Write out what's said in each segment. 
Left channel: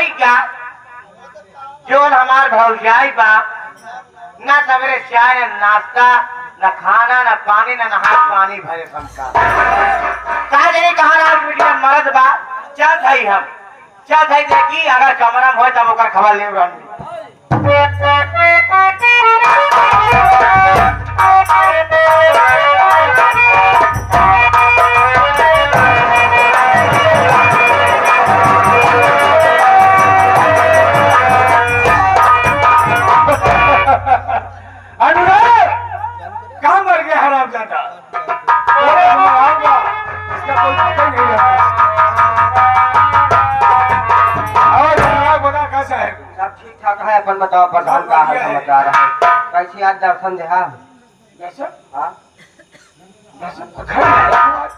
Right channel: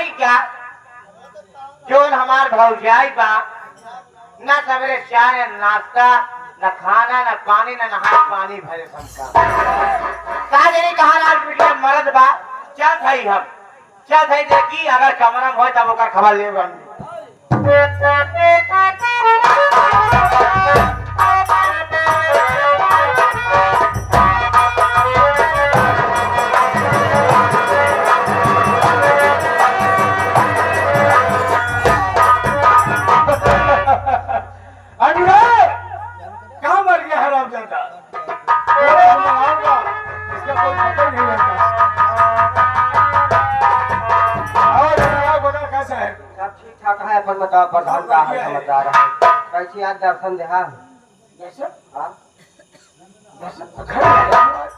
होई का जोन हमार भौजाई बा ना सवेरे चाय न नाश्ता न खाना न पानी न नहा पानी भरे संस्कार कहा जनी कहा आज मीडिया मर्द बा चल भाई हम चल भाई देखी अगर कमरा में हो तब ओकर खबर ले रहनी कहाँ मर गया हराम ज्यादा इसका कोई पता नहीं आता बता कैसा है सब ठीक ठाक है अपन बताओ प्रधान का हाल समाचार है कैसी आज दर्शन दे हाँ दर्शन हाँ घर में आज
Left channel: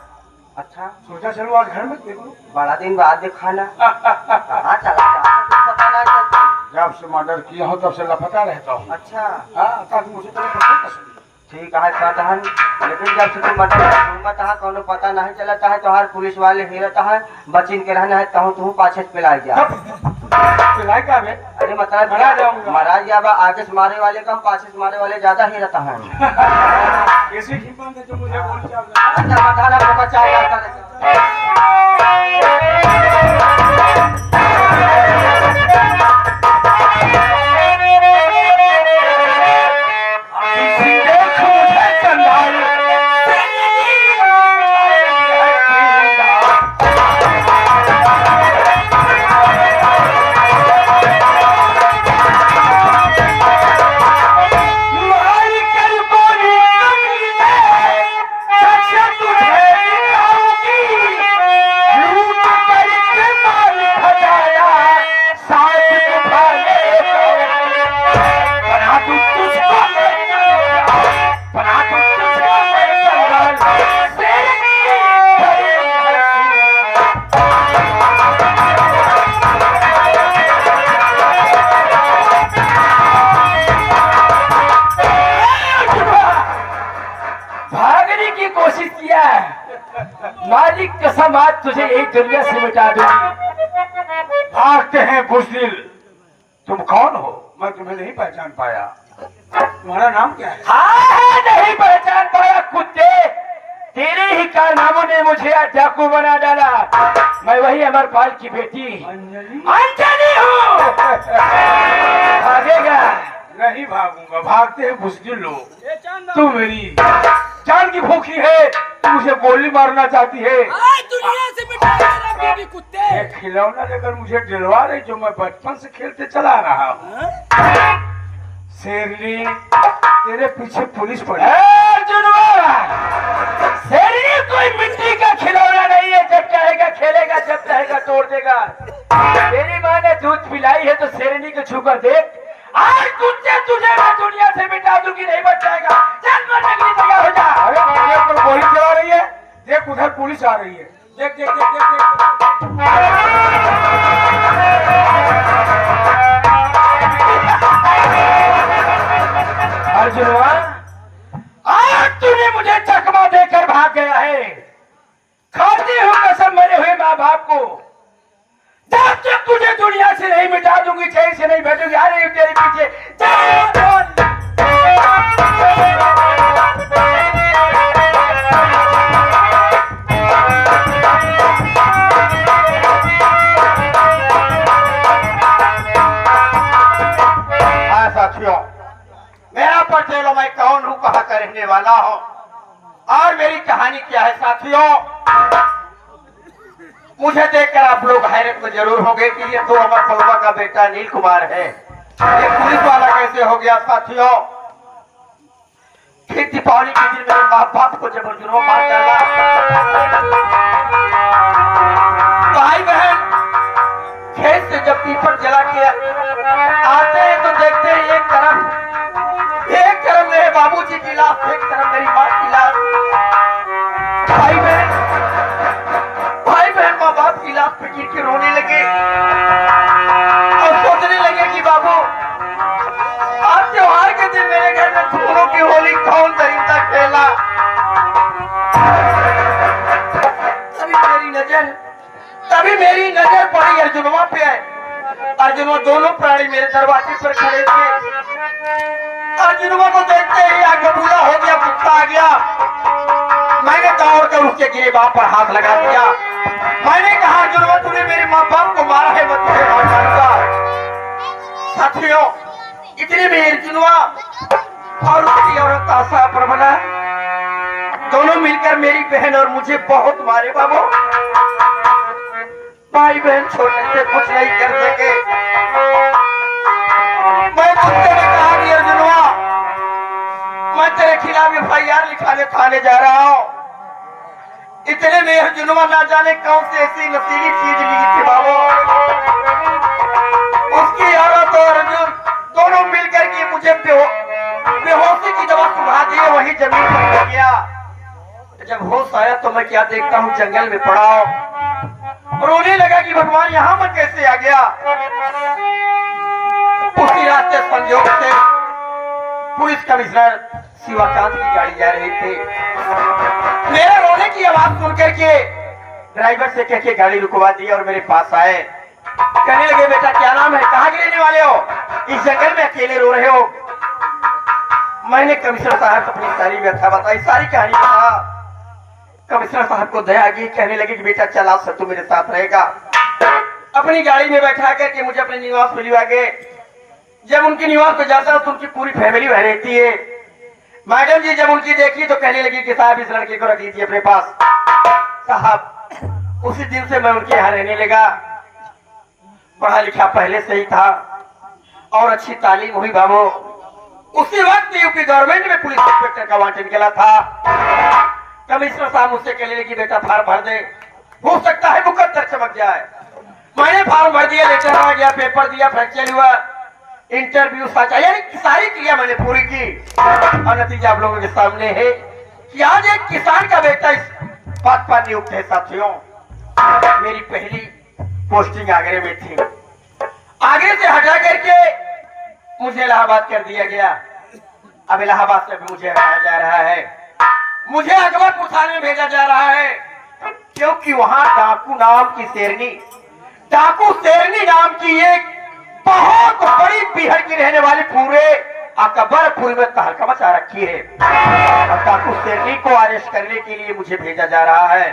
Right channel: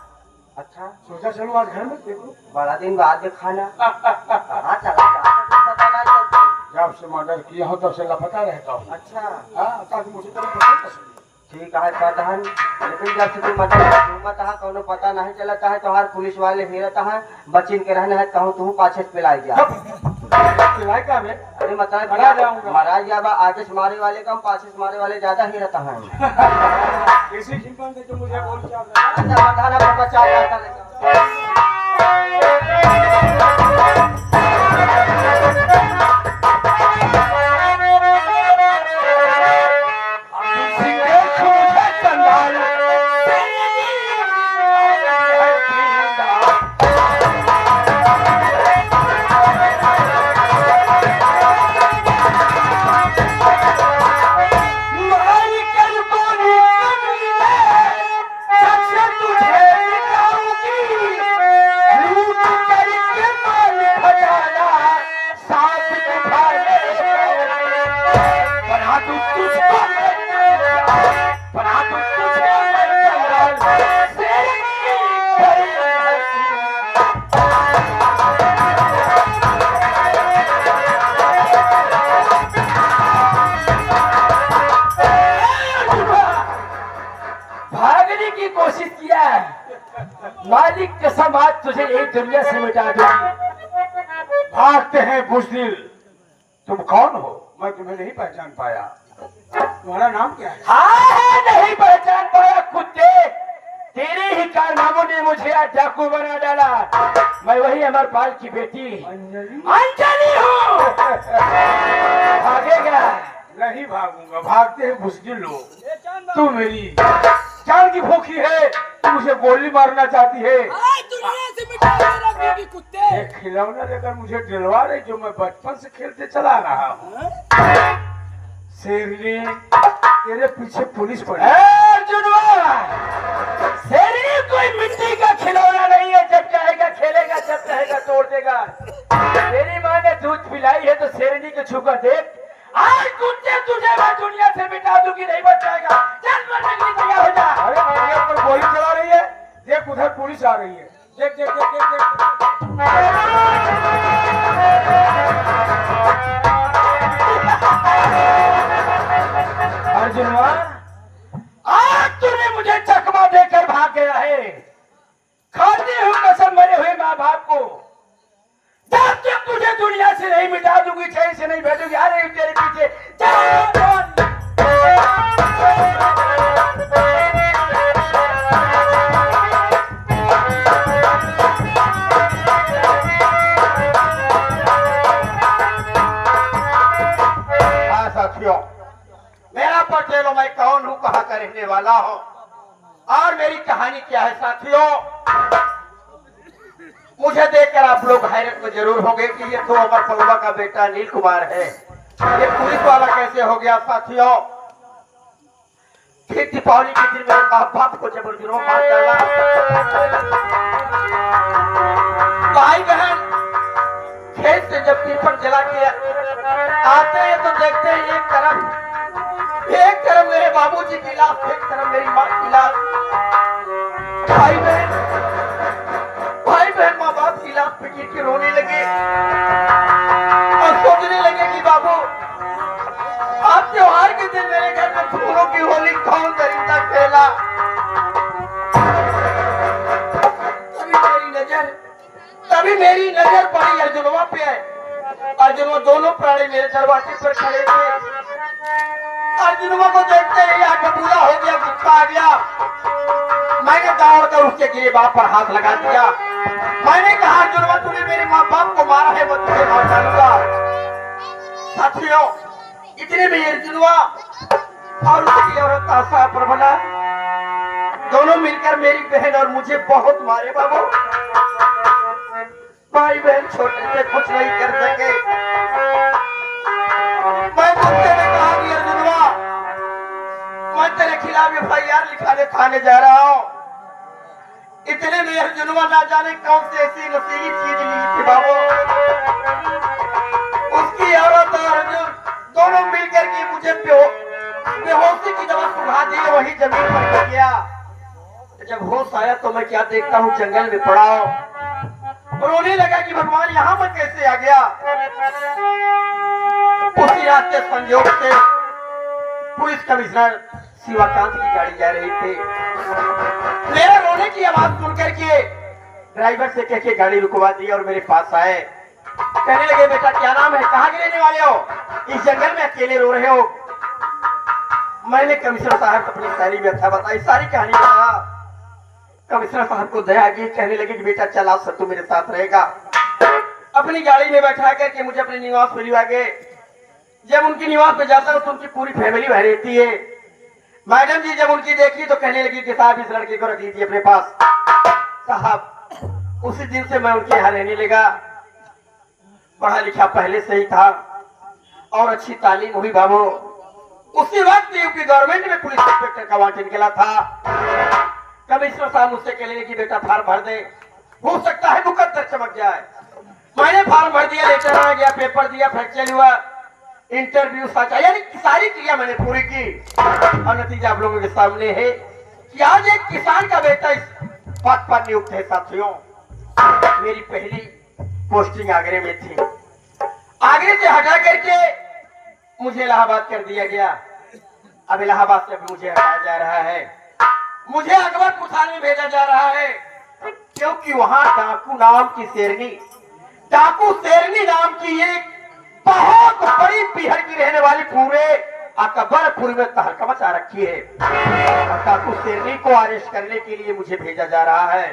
अच्छा सोचा चलो आज घर में देखो बड़ा दिन बाद देखा ना हाँ चला पता नहीं चलता जब से मर्डर किया हो तब से लापता रहता हूँ अच्छा हाँ ताकि मुझे कभी पता चले ठीक है प्रधान लेकिन जब से तुम मतलब घूमत है कोनो पता नहीं चलता है तो हर पुलिस वाले हेरता है बचिन के रहना है कहूँ तुम पाछे पे ला जा पिलाई का में अरे मतलब मरा जाऊंगा। मरा जाबा आगे से मारे वाले कम पाछे से मारे वाले ज्यादा ही रहता है कैसी कीमत है जो मुझे गोली चाल रहा है अच्छा प्रधान आपको बचाओ मालिक कसम आज तुझे एक दुनिया से मिटा दूंगी। भागते हैं बुज़दिल तुम कौन हो मैं तुम्हें नहीं पहचान पाया तुम्हारा नाम क्या है हाँ नहीं पहचान पाया कुत्ते तेरे ही कारनामों ने मुझे आज डाकू बना डाला। मैं वही अमरपाल की बेटी अंजलि हूँ। भागेगा नहीं भागूंगा भागते हैं बुज़दिल लोग तू मेरी जान की भूखी है तू मुझे गोली मारना चाहती है दुनिया से मिटा मेरा बीबी कुत्ते एक खिलौना लेकर मुझे दिलवा रही जो मैं बचपन से खेलते चला रहा हूँ शेरनी तेरे पीछे पुलिस पड़ी शेरनी कोई मिट्टी का खिलौना नहीं है। जब चाहेगा खेलेगा जब चाहेगा तोड़ देगा। तेरी माँ ने दूध पिलाई है तो शेरनी को छूकर देख। आज कुत्ते तुझे मैं दुनिया से मिटा दूंगी नहीं बच जाएगा। चल मरने के लिए तैयार हो जा। अरे मेरे पर गोली चला रही है देख उधर पुलिस आ रही है देख देख देख देख देख अर्जुनवा आज तूने मुझे चकमा देकर भाग गया है। खाती हूँ कसम मरे हुए माँ बाप को जब तक तुझे दुनिया से नहीं मिटा दूंगी कहीं से नहीं भेजूंगी। आ रही हूँ तेरे पीछे जा बोल। हाँ साथियों मेरा परिचय लो मैं कौन हूँ कहाँ का रहने वाला हूँ और मेरी कहानी क्या है साथियों। मुझे देखकर आप लोग हैरत में जरूर हो गए कि ये तो अमर पलवा का बेटा नील कुमार है। ये पुलिस वाला कैसे हो गया साथियों। फिर दीपावली के दिन मेरे माँ बाप को जबर जुर्म मार डाला। भाई बहन खेत से जब पीपल जला के आते हैं तो देखते हैं एक तरफ मेरे बाबूजी की लाश एक तरफ मेरी माँ की लाश। भाई बहन माँ बाप की लाश पे गिर के रोने लगे और सोचने लगे कि बाबू आज त्योहार के दिन मेरे घर में फूलों की होली कौन दरिंदा खेला। तभी मेरी नजर पड़ी अर्जुनवा पे अर्जुन दोनों प्राणी मेरे दरवाजे पर खड़े थे। अर्जुन को देखते ही आग बबूला हो गया, गुस्सा आ गया। मैंने दौड़ कर उसके गिरेबान पर हाथ लगा दिया। मैंने कहा अर्जुन तूने मेरे माँ बाप को मारा है, मैं तुझे मार डालूंगा। साथियों इतने में अर्जुन और उसकी औरत आशा प्रबला दोनों मिलकर मेरी बहन और मुझे बहुत मारे बाबू। भाई बहन छोटे से कुछ नहीं कर सके। मैं तुझसे कहा कि अर्जुनवा मैं तेरे खिलाफ FIR लिखाने थाने जा रहा हूँ। इतने में अर्जुनवा ना जाने कौन सी ऐसी नशीली चीज ली थी बाबू। उसकी औरत और अर्जुन दोनों मिलकर के मुझे बेहोशी की दवा सुखा दी, वही जमीन पर गिर गया। जब होश आया तो मैं क्या देखता हूँ, जंगल में पड़ा हूँ। रोने लगा कि भगवान यहाँ मैं कैसे आ गया। उसी रास्ते संयोग से पुलिस कमिश्नर शिवाकांत की गाड़ी जा रही थी। मेरा रोने की आवाज सुन करके ड्राइवर से कह के गाड़ी रुकवा दी और मेरे पास आए। कहने लगे बेटा क्या नाम है, कहाँ गिरने वाले हो, इस जंगल में अकेले रो रहे हो। मैंने कमिश्नर साहब अपनी सारी व्यथा बताई, सारी कहानी बता। कमिश्नर साहब को दया आ गई, कहने लगे कि बेटा चला सब तू मेरे साथ रहेगा। अपनी गाड़ी में बैठा करके मुझे अपने निवास पर लिया गए। जब उनकी निवास पर जाता हूं तो उनकी पूरी फैमिली वह रहती है। मैडम जी जब उनकी देखी तो कहने लगी कि साहब इस लड़के को रख लीजिए अपने पास। साहब उसी दिन से मैं उनके यहाँ रहने लगा। पढ़ा लिखा पहले से ही था और अच्छी तालीम हुई बाबू। उसी वक्त यूपी गवर्नमेंट में पुलिस इंस्पेक्टर का वांटेड निकला था। कमिश्नर साहब मुझसे कहने लगी बेटा फार्म भर दे, हो सकता है मुकद्दर चमक जाए। मैंने फार्म भर दिया, लेटर आ गया, पेपर दिया, फ्रैक्चर हुआ, इंटरव्यू साचा, यानी सारी क्रिया मैंने पूरी की। और नतीजा आप लोगों के सामने है कि आज एक किसान का बेटा इस पद पर नियुक्त है। साथियों मेरी पहली पोस्टिंग आगरे में थी। आगरे से हटा करके मुझे इलाहाबाद कर दिया गया। अब इलाहाबाद से भी मुझे हटाया जा रहा है, मुझे अकबरपुर थाने में भेजा जा रहा है, क्योंकि वहां डाकू नाम की शेरनी नाम की एक बहुत बड़ी पीहर की रहने वाली पूरे अकबरपुर में तहलका मचा रखी है। डाकू शेरनी को अरेस्ट करने के लिए मुझे भेजा जा रहा है।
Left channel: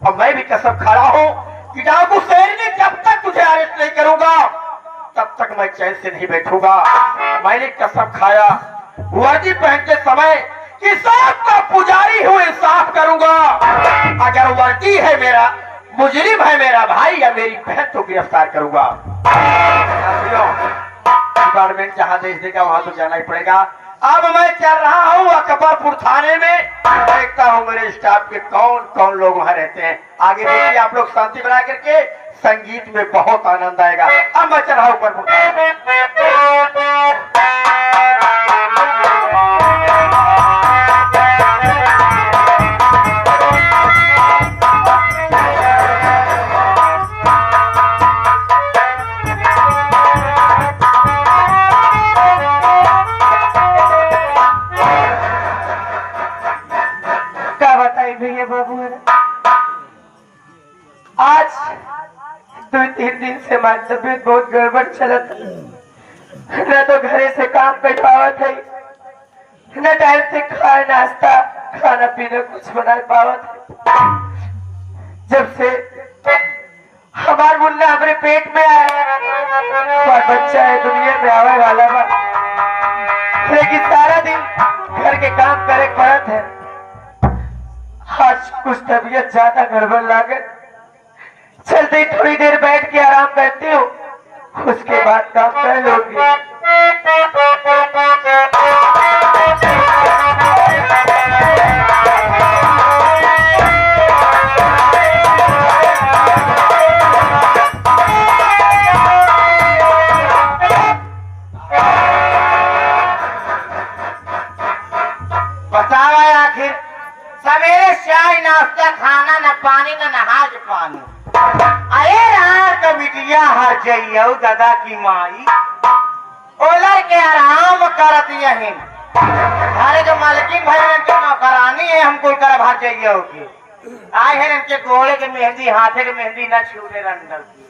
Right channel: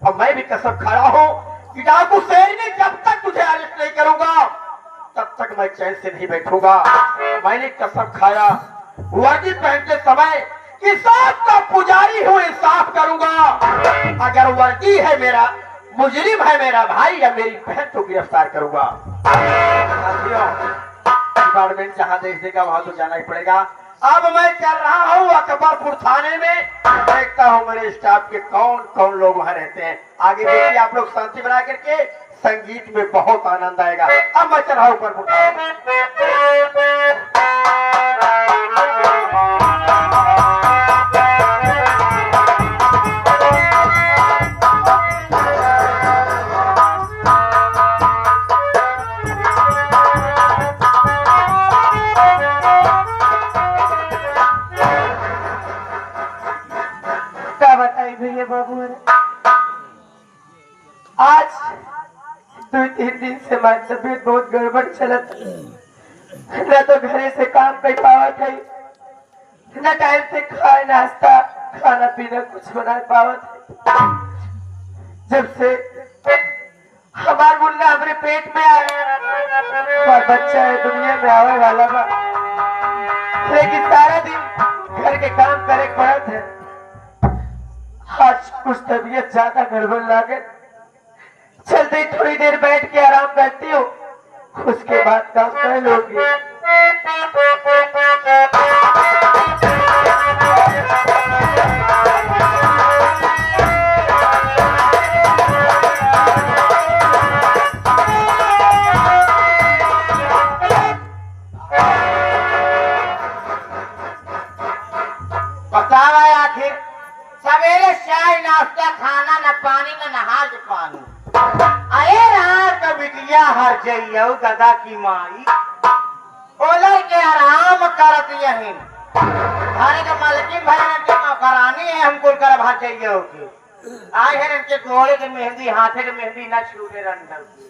अब मैं भी कसम खड़ा हूं कि डाकू शेरनी जब तक तुझे अरेस्ट नहीं करूंगा तब तक मैं चैन से नहीं बैठूंगा। मैंने कसम खाया वर्दी पहनते समय कि साफ का पुजारी हूं, इंसाफ करूंगा। अगर वर्दी है मेरा, मुजरिम है मेरा भाई या मेरी बहन तो गिरफ्तार करूंगा। डिपार्टमेंट जहां देश देगा वहां तो जाना ही पड़ेगा। अब मैं चल रहा हूं अकबरपुर थाने में, देखता हूं मेरे स्टाफ के कौन कौन लोग वहां रहते हैं। आगे देखिए आप लोग शांति बना करके, संगीत में बहुत आनंद आएगा। अब मैं चल रहा हूं अकबरपुर थाने। भैया बाबू आज 2-3 दिन से हमारी तबीयत बहुत गड़बड़ चलत, न तो घरे से काम कर पावत है, न टाइम से खाए नाश्ता खाना पीना कुछ बना पावत है। जब से हमार मुन्ना हमारे पेट में आया, हमारा बच्चा है दुनिया में आने वाला बा, लेकिन सारा दिन घर के काम करे पड़त है। आज कुछ तबीयत ज्यादा गड़बड़ लागत, चलते थोड़ी देर बैठ के आराम करती हूँ, उसके बाद काम कर लूंगी। बताओ आखिर सवेरे चाय नाश्ता खाना न पानी न नहाज पानी। अरे रात का बिटिया हर जइयो दादा की माई ओलर के आराम करत यही थाने के मालकिन भाई के नौकरानी है। हमको कर भर जइयो की आए हैं इनके गोले के मेहंदी हाथे के मेहंदी न छूटे रंगल की।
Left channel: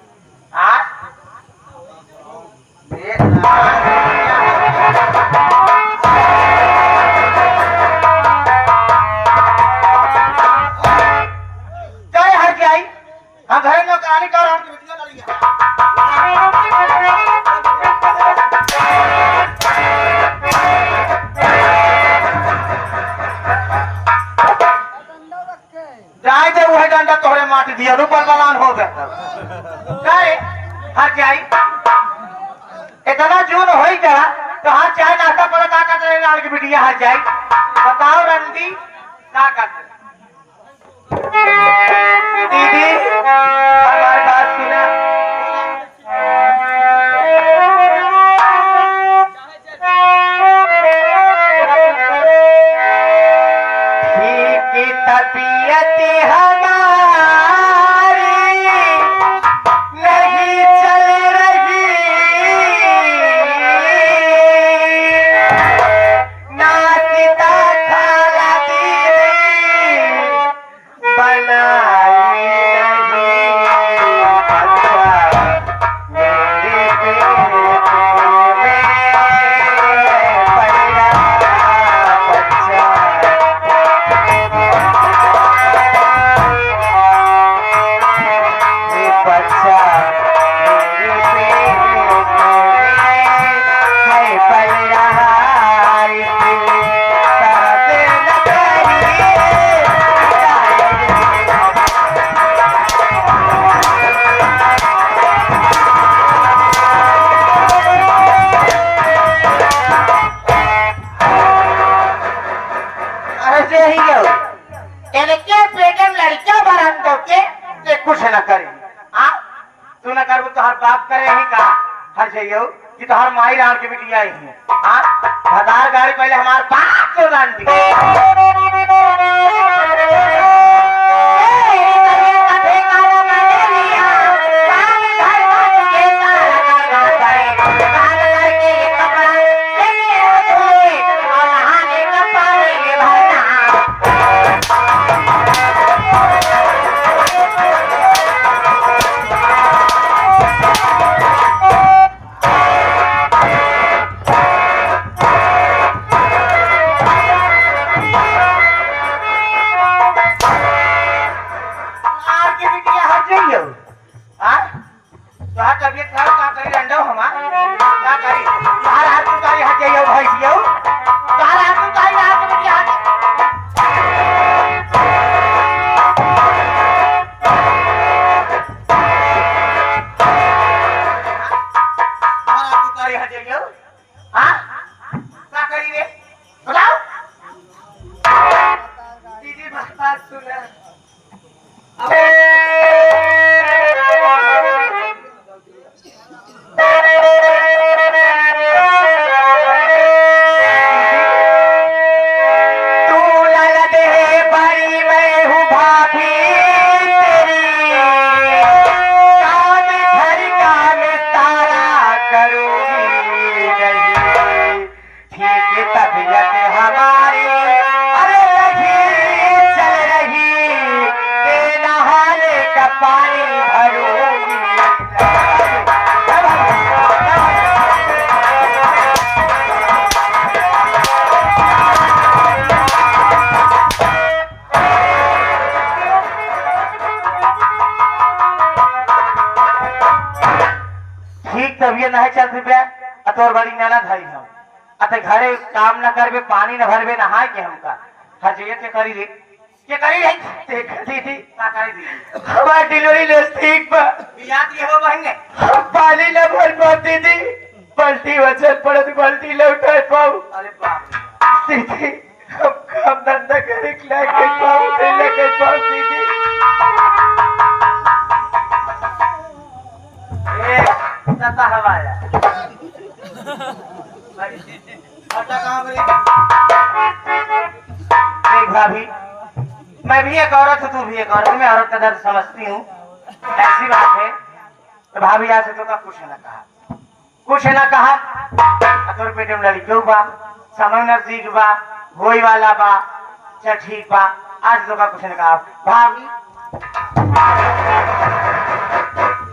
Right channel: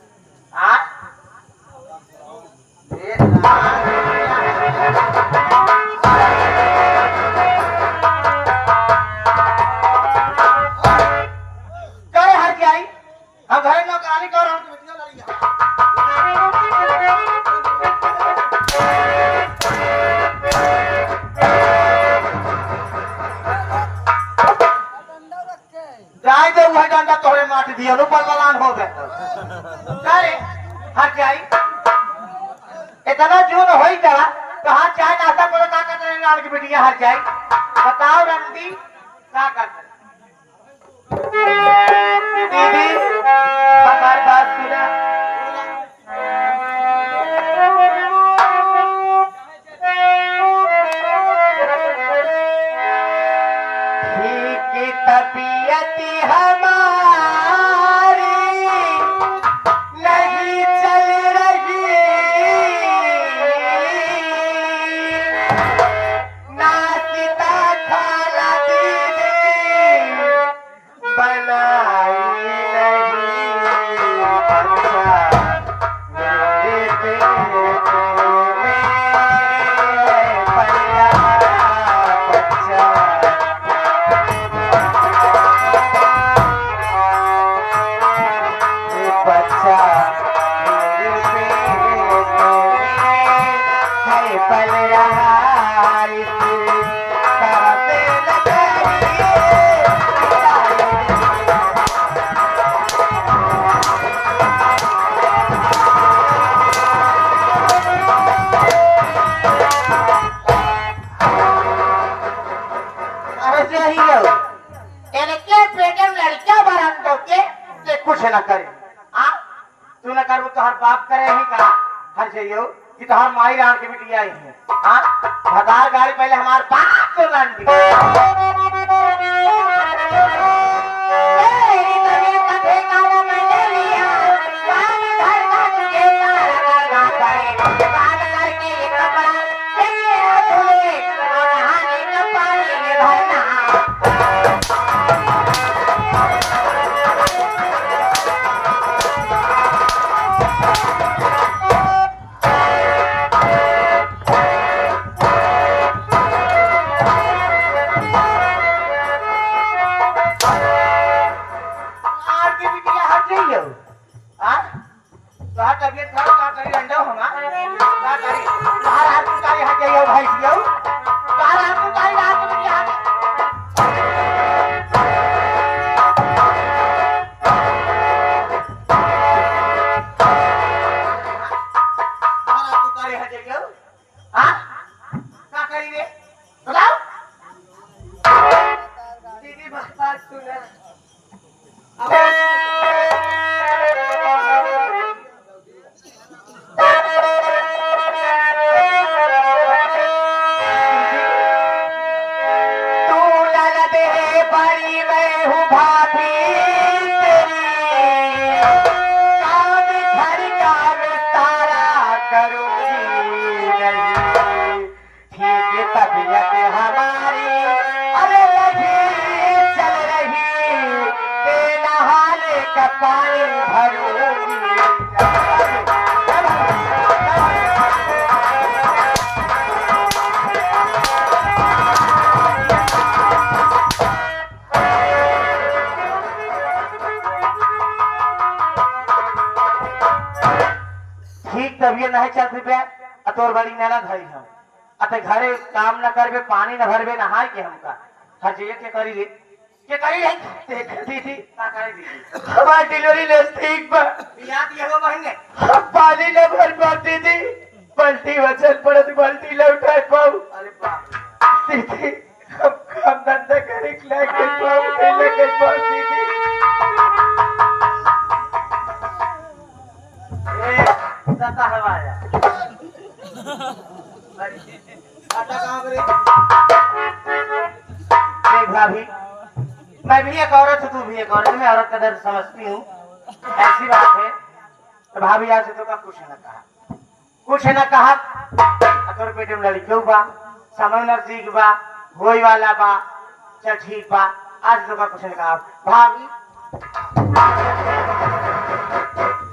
काय हर के आई हाँ घर में कहानी कर रहा हूँ कि बेटियां लड़ी है जाए दे वही डंडा तोहरे माटी दिया रू बलवान हो गए काय हर के आई इतना जून हो ही जरा तो हाँ चाय नाश्ता पर का करते रहे नाल की बिटिया हर जाई बताओ रंदी का करते दीदी हमारी बात सुना ठीक तबीयत हमारी नहीं चल रही ना सीता खाला दीदी बनाई नहीं बच्चा मेरे पेट में पैदा बच्चा बच्चा मेरे पेट में पल रहा इसे करते न करिए अरे जे ही गयो इनके पेट में लड़का भरन दो के कुछ न करे आ तू न कर तो हर बाप करे ही का हर जइयो कि तो हर माई रान के बिटिया आई है हां हदार गाड़ी पहले हमार बाप को रान दी आर के बिटिया हट जइयो हां तोहार तबीयत खराब का करी रंडो हमा का करी तोहार हाथ में करी हट जइयो भैंसियो तोहार हाथ में करी हाथ में बिटिया हट तोहार हाथ में करी हट जइयो हां का करी रे बताओ दीदी बात सुन तबीयत हमारी अरे नहीं चल रही ते नहाने का पानी भरोगी ठीक तबीयत नहीं चल रही अतोर बड़ी नाना धाई हम अते घरे काम न करबे पानी न भरबे नहाए के हमका हजिए के करी रे देख दीदी का करी दी हमार डिलीवरी ले ठीक बा बिया दिए हो बहने पानी न भर पा दीदी पलटी वचन पड़त पलटी ले उठाए पाऊ अरे बाप रे दीदी हम काम धंधा करे के के पाऊ दे लगे पाऊ दीदी ए सता हवाया आता कहाँ पर देख भाभी मैं भी एक औरत हूँ तू भी एक औरत मैं औरत का दर्द समझती हूँ ऐसी बात है तो भाभी आज से तो का कुछ न कहा तोर पेट में लड़ी क्यों बा समय नजदीक बा होई वाला बा चल ठीक बा आज तो का कुछ न कहा भाभी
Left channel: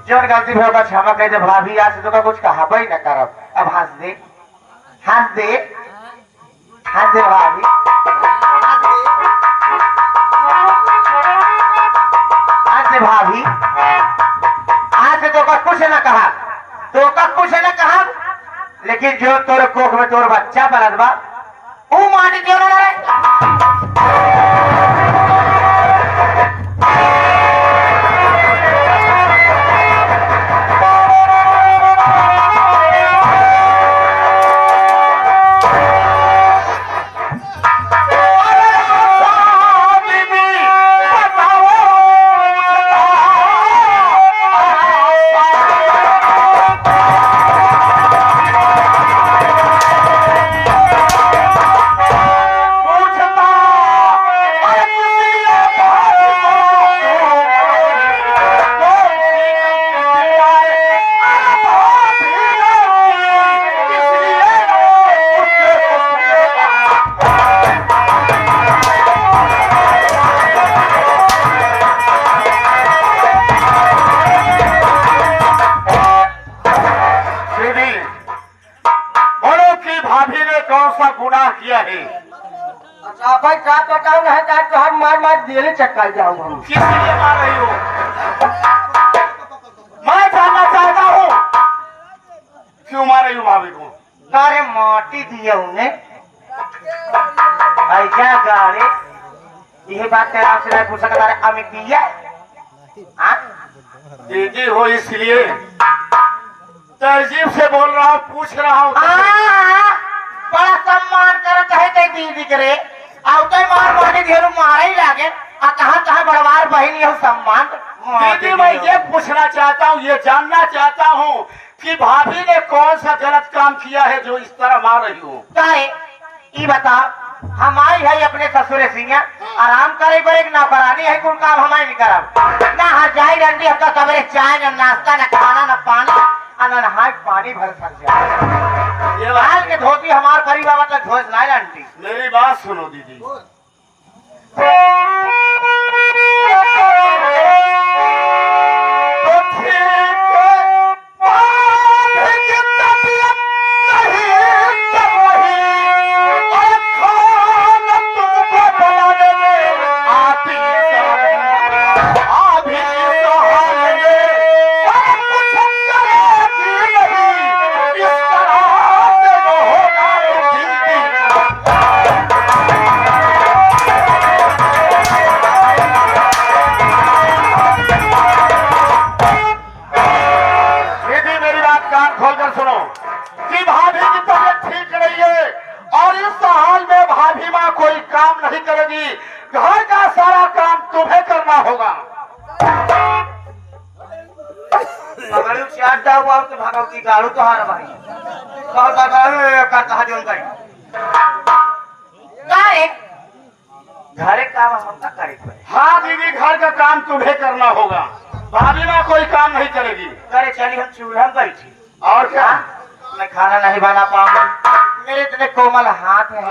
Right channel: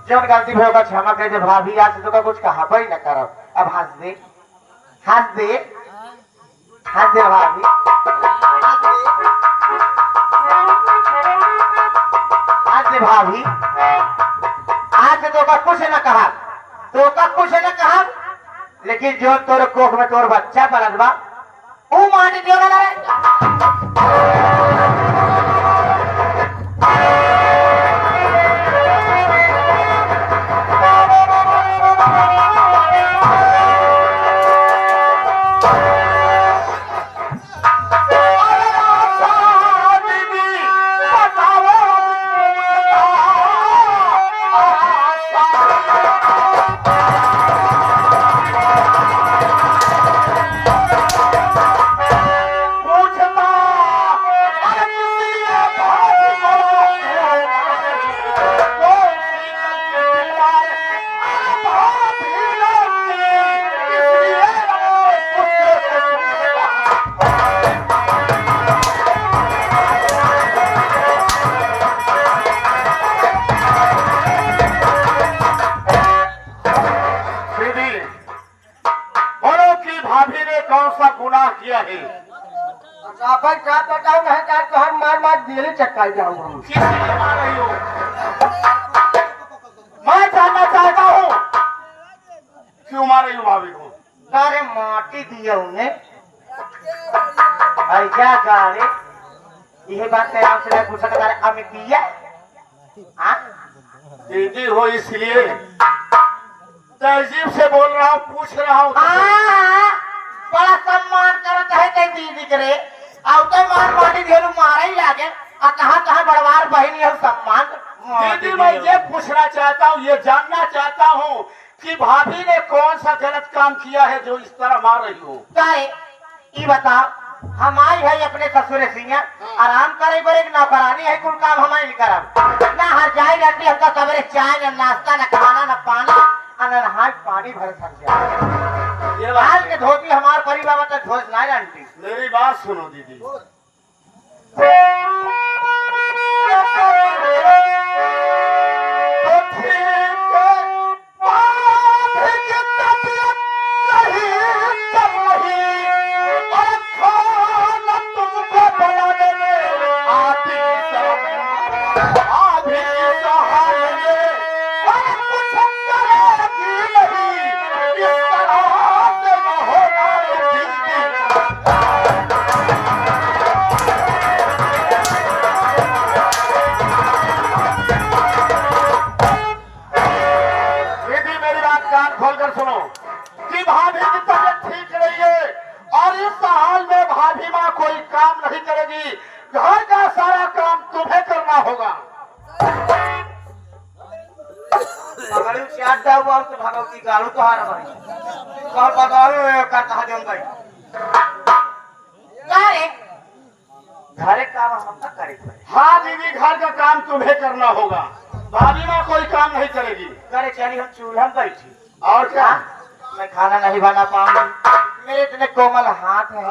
जो गलती भी होगा क्षमा कह दे भाभी, आज तो का कुछ कहा भाई न करब। अब हंस दे, हंस दे, हंस दे भाभी, हंस दे, हंस दे भाभी। आज से तो का कुछ न कहा, तो का कुछ न कहा, लेकिन जो तोर कोख में तोर बच्चा पलत बा वो माटी क्यों ना रहे। किया है। अच्छा भाई का बताऊं है का तो हम मार मार दिले चक्का जाऊं हम। किस लिए मार रही हो? मैं जानना चाहता हूँ क्यों मार रही हो भाभी को? अरे माटी दिए उन्हें ऐसा गाड़े यही बात तेरा से पूछ सका बारे हमें दिया दीदी हो इसलिए तहजीब से बोल रहा हूँ, पूछ रहा हूँ। बड़ा सम्मान करत है कई दीदी करे आवते मार माटी दिए मारे ही लागे आ कहां कहां बड़वार बहन ये सम्मान। दीदी मैं ये पूछना चाहता हूँ, ये जानना चाहता हूँ कि भाभी ने कौन सा गलत काम किया है जो इस तरह मार रही हो? तारे ये बता हमारी है अपने ससुर सिंह आराम करे पर एक नौकरानी है कोई काम हमारे नहीं करब ना हर जाई रहती अब तो सवेरे चाय ना नाश्ता ना खाना ना पानी ना नहाय पानी भर सक जाए। ये लाल के धोती हमार करीब बाबा तक घोष लाए आंटी। मेरी बात सुनो दीदी, घर का सारा काम तुम्हें करना होगा। भगवती गाड़ू तो हार भाई घरे काम हम ना करे। हाँ दीदी घर का काम तुम्हें करना होगा, भाभी ना कोई काम नहीं करेगी। करे चली हम चूल्हा बैठी और क्या? मैं खाना नहीं बना पाऊंगी, मेरे इतने कोमल हाथ हैं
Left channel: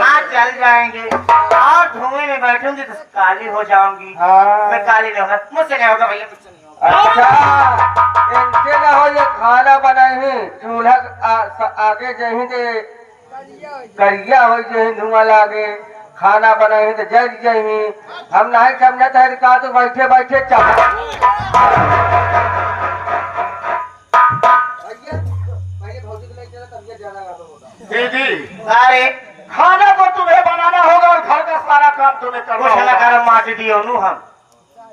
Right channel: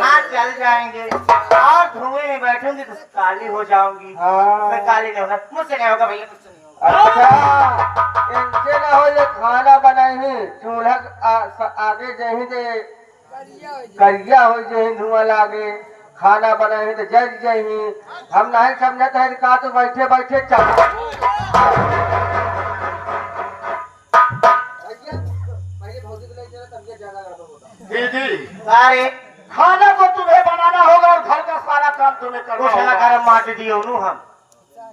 हाथ जल जाएंगे और धुएं में बैठूंगी तो काली हो जाऊंगी। मैं काली नहीं होगा, मुझसे नहीं होगा भैया, मुझसे नहीं होगा। अच्छा इनसे ना हो ये खाना बनाए चूल्हा आगे जही दे करिया हो जही धुआं लागे खाना बनाए तो जल जही हम नहीं समझते है का तो बैठे बैठे दीदी अरे खाना तो तुम्हें बनाना होगा और घर का सारा काम तुम्हें करना कुछ ना होगा। कर माटी दियो नु हम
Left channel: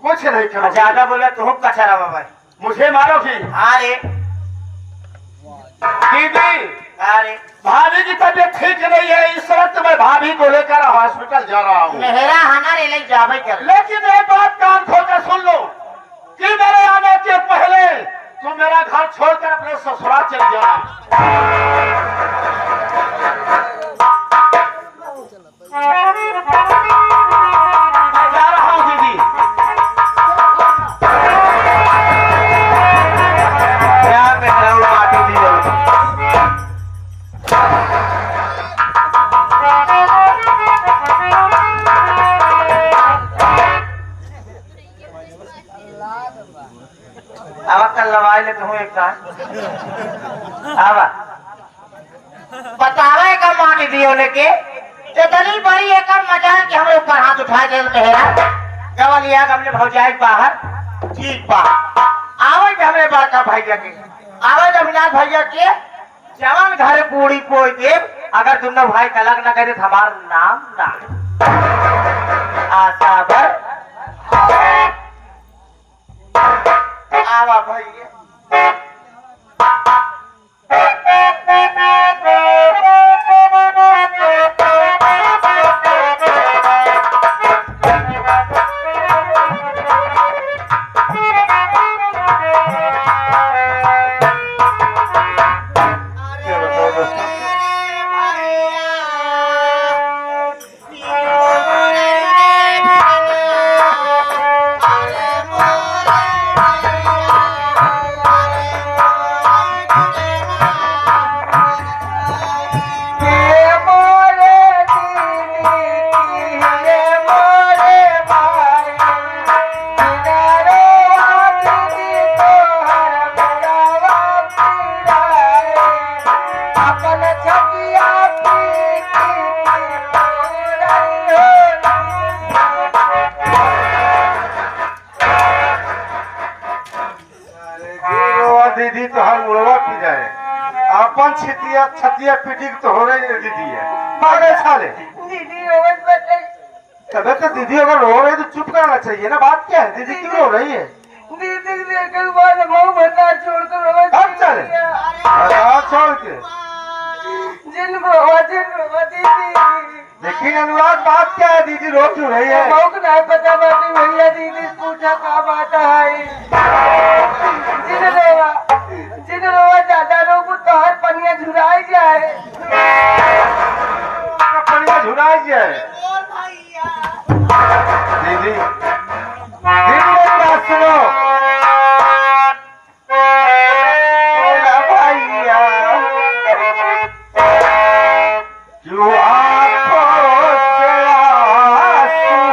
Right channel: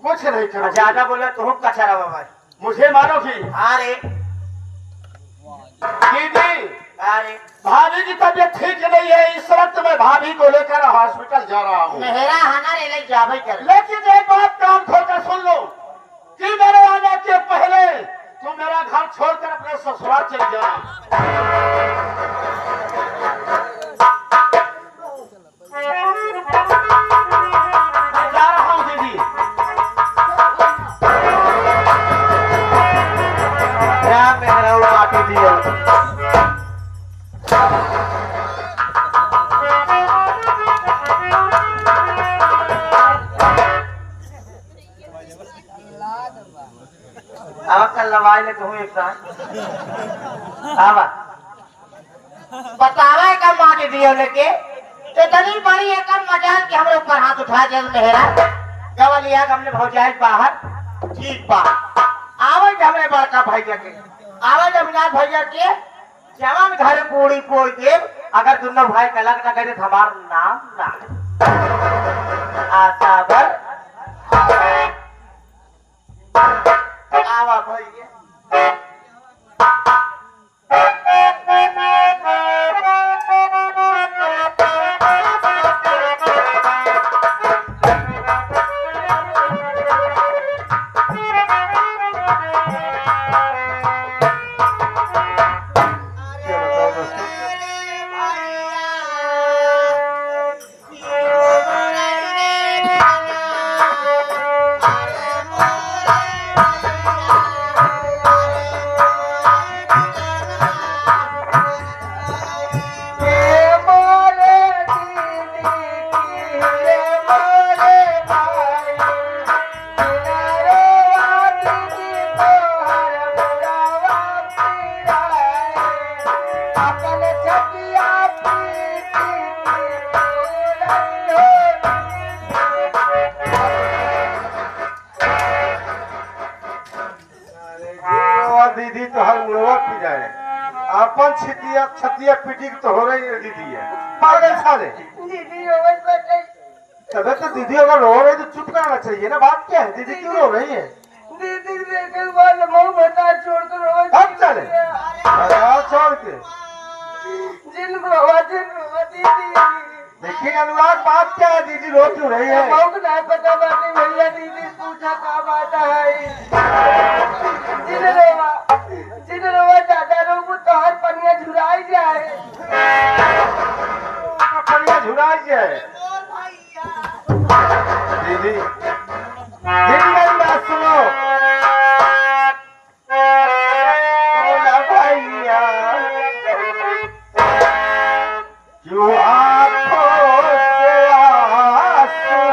कुछ नहीं करो। ज्यादा बोले तुम कचरा बाबा मुझे मारोगी? अरे दीदी अरे भाभी की तबीयत ठीक नहीं है, इस वक्त मैं भाभी को लेकर हॉस्पिटल जा रहा हूँ। मेहरा हमारे ले जावे कर। लेकिन एक बात कान खोलकर सुन लो कि मेरे आने के पहले तुम मेरा घर छोड़कर अपने ससुराल चले जाना। मैं जा रहा हूँ दीदी। क्या मेहरा माटी दियो कर लगा ले तू एक का आवा बतावा एक मां के दियो लेके इतनी बड़ी एक मजाल कि हमरे ऊपर हाथ उठा के मेहरा गवलिया हमने भौजाई बाहर ठीक बा आवाज हमरे बड़का भैया के आवाज अभिनाथ भैया के जवान घर पूरी कोई दे अगर दोनों भाई का अलग न करे तो हमारा नाम ना आशा भर आवा भैया दीदी तो हर मुड़वा पी जाए अपन छतिया छतिया पीटी तो हो रही है दीदी है पागल साले दीदी रोज बचे तबे तो दीदी अगर रो रही तो चुप करना चाहिए ना बात क्या है दीदी क्यों रो रही है दीदी देखल बाद मुंह बता छोड़ कर रोज अब चले छोड़ के जिन बाबा दीदी लेकिन अनुराग बात क्या है दीदी रो क्यों रही है बहुत नहीं पता बात भैया दीदी पूछा का बात है जिन रोवा ज्यादा लोग तो हर पनिया झुराई जाए पनिया झुराई जाए दीदी दीदी मेरी बात सुनो भैया क्यों आंखों से आंसू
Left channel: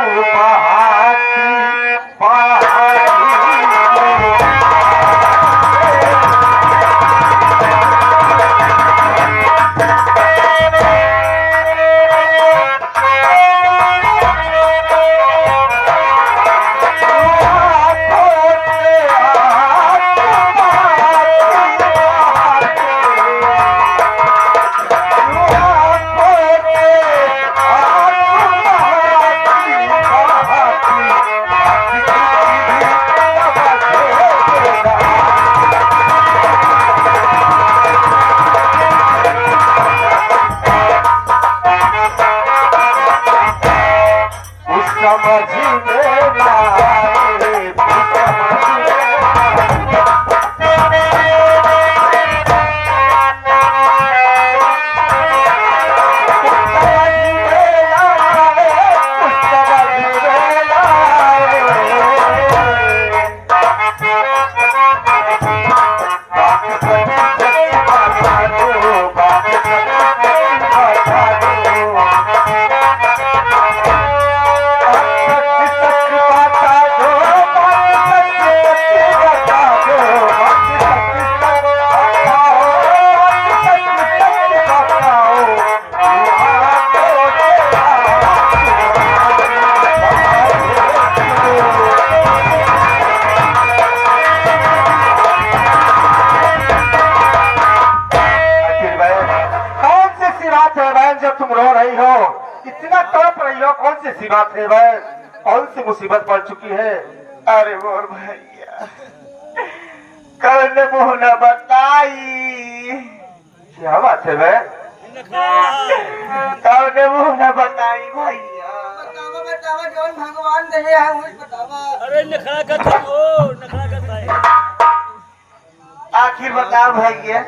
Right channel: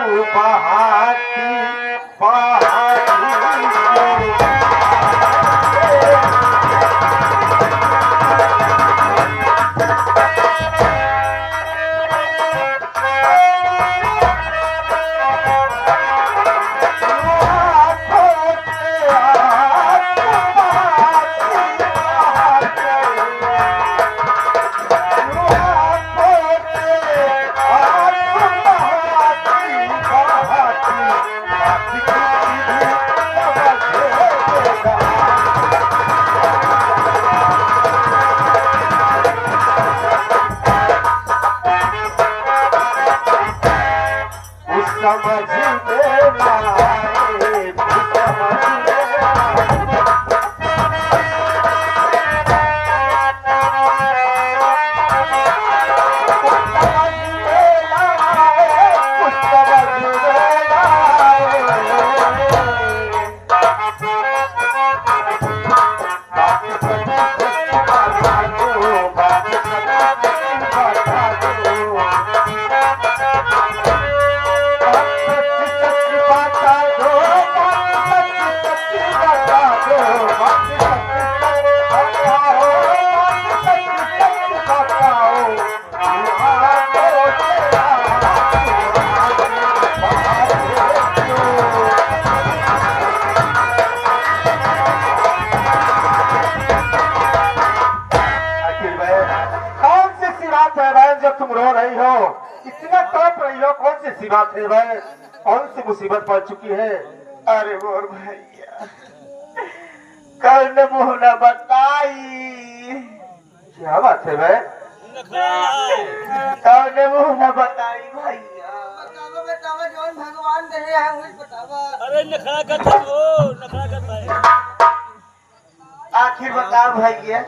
बहाती सी बात है भाई कौन सी मुसीबत पड़ चुकी है अरे मोर भैया कल ने मुँह न बताई क्या बात है भाई कल ने मुँह न बताई भैया बतावा बतावा जौन भगवान दे है मुझे बतावा अरे नखरा करता हो नखरा करता है आखिर बताओ भैया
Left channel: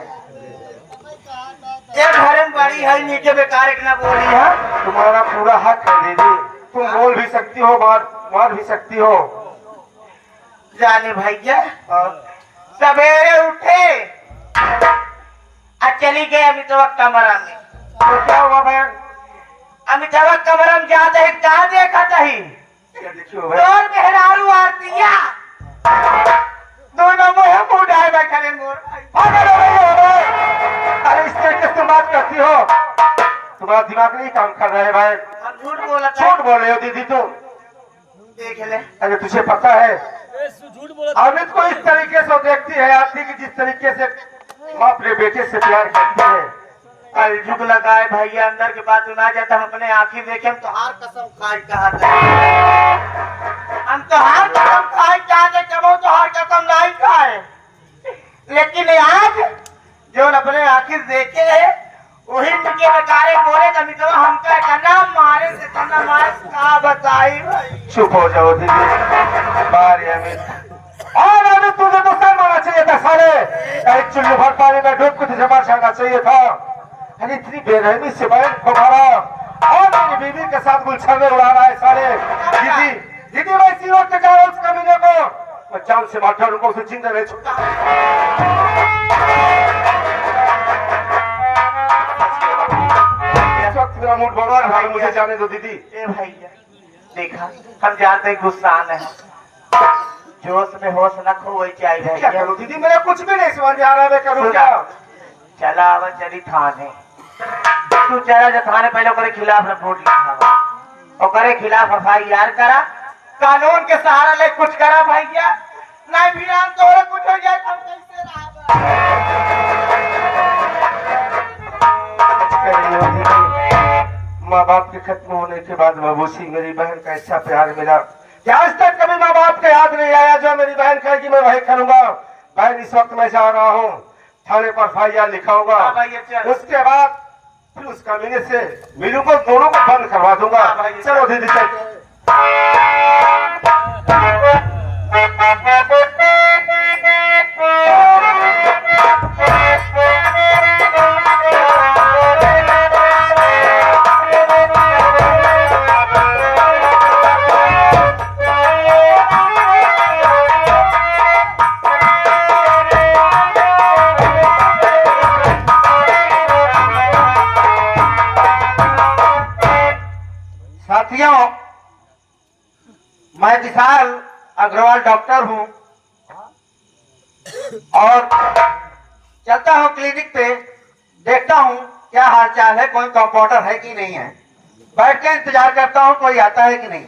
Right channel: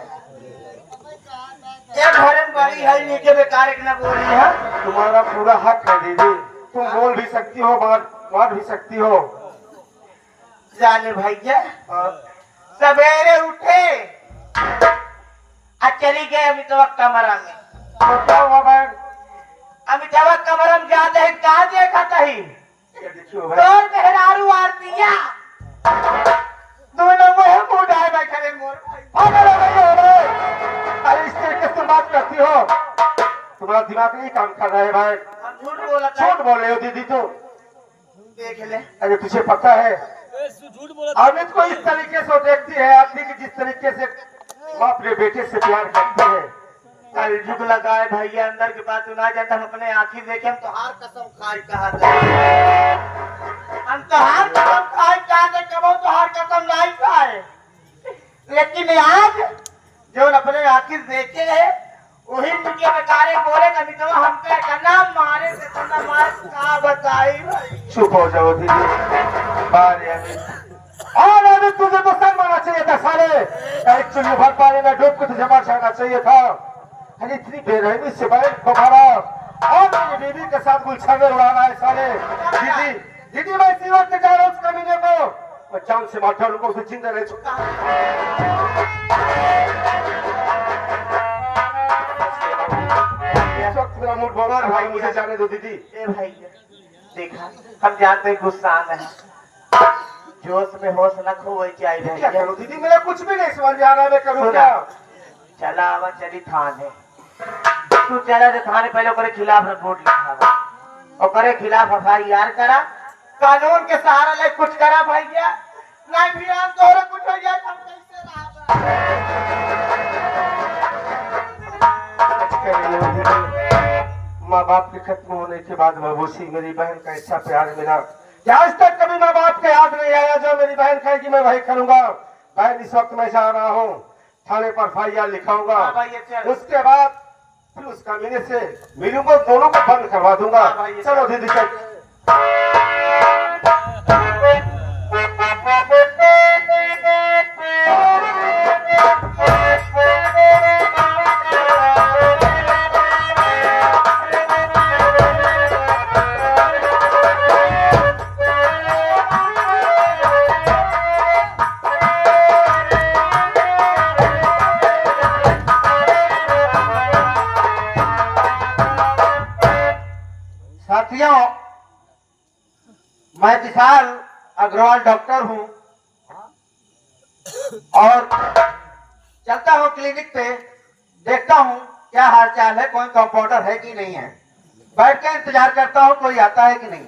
ये घर में बड़ी है नीचे बेकार एक ना बोली है तुम्हारा पूरा हक है दीदी तुम बोल भी सकती हो मार भी सकती हो जाने भैया सवेरे उठे और चली गए अमिताभ कमरा में तो क्या हुआ बहन अमिताभ कमरा में जाते है कहाँ देखा ही देखियो भाई और मेहरारू आरतिया दोनों मुँह रे मोर भाई। अरे इस तरीके से तुम बात करती हो, तुम्हारा दिमाग नहीं काम कर रहा है भाई। हम झूठ बोला था। झूठ बोल रहे हो दीदी तुम। देख ले। अरे तुझे पता है ए, झूठ बोला अमित को इस तरीके से देखती है आदमी की जिस तरीके से माँ अपने बेटे से प्यार करती है। कल झुक लगा है भैया, अंदर के बात सुना जाता, हम अपने आंखें देखे, हम तो हार कसम खाए कहा था, हम तो हार कसम खाए कहा थे, कबो तो हार कसम नहीं खाए, लेकिन आज जो अपने आंखें देखे है वही तुझे बेचारे बोले तो मित्रों हमका तना मारे से तना मारे क्या बताई भाई। चुप हो जाओ दीदी। बारी अमित और अमित तुझे तो सर मारना चाहिए था साले। अरे चुल्लू भर पानी में डूब के तुझे मार जाना चाहिए था। अरे इतनी बेरहमी से बहन को मारा और मेरी बीवी के साथ गुलछा में उड़ा रहा है साले। दीदी दीदी मैं इसी वक्त जा रहा हूँ उस कमीने को, मैं जान से मार डालूंगा उसे, जिंदा नहीं छोड़ूंगा। इस वक्त मेरा मूड बहुत खराब है, मुझे जाने दो दीदी। ए भैया देखा, हम जानते हैं गुस्सा आना है, जोश में होश रखो वही चाहिए क्या भैया। करूं दीदी, मेरे कुछ भी नहीं समझ में आ रहा है, मैं करूं क्या? चला आवा चली थाने, तू चला जो थाने पहले ओकरे खिलाफ रिपोर्ट लिखा, ओकरे खिलाफ FIR करा, कानून के सहारा ले कुछ करा भैया, नहीं भी नाम तोरे कुछ हो जाए हम कैसे माँ बाप के खत्म होने के बाद बाबूसी मेरी बहन का ऐसा प्यार मिला कि आज तक कभी माँ बाप के याद नहीं आया। जो मेरी बहन कहेगी मैं वही करूंगा। बहन इस वक्त मैं जा रहा हूँ थाने पर FIR लिखाऊंगा, हाँ भैया, चल। उसके बाद फिर उस कमीने से मीनू को दोनों को बंद करवा दूंगा। हाँ भैया, चलो दीदी चल। साथियों, मैं विशाल अग्रवाल डॉक्टर हूं और चलता हूं क्लिनिक पे, देखता हूं क्या हालचाल है, कोई कंपाउंडर है कि नहीं है, बैठ के इंतजार करता हूं कोई आता है कि नहीं।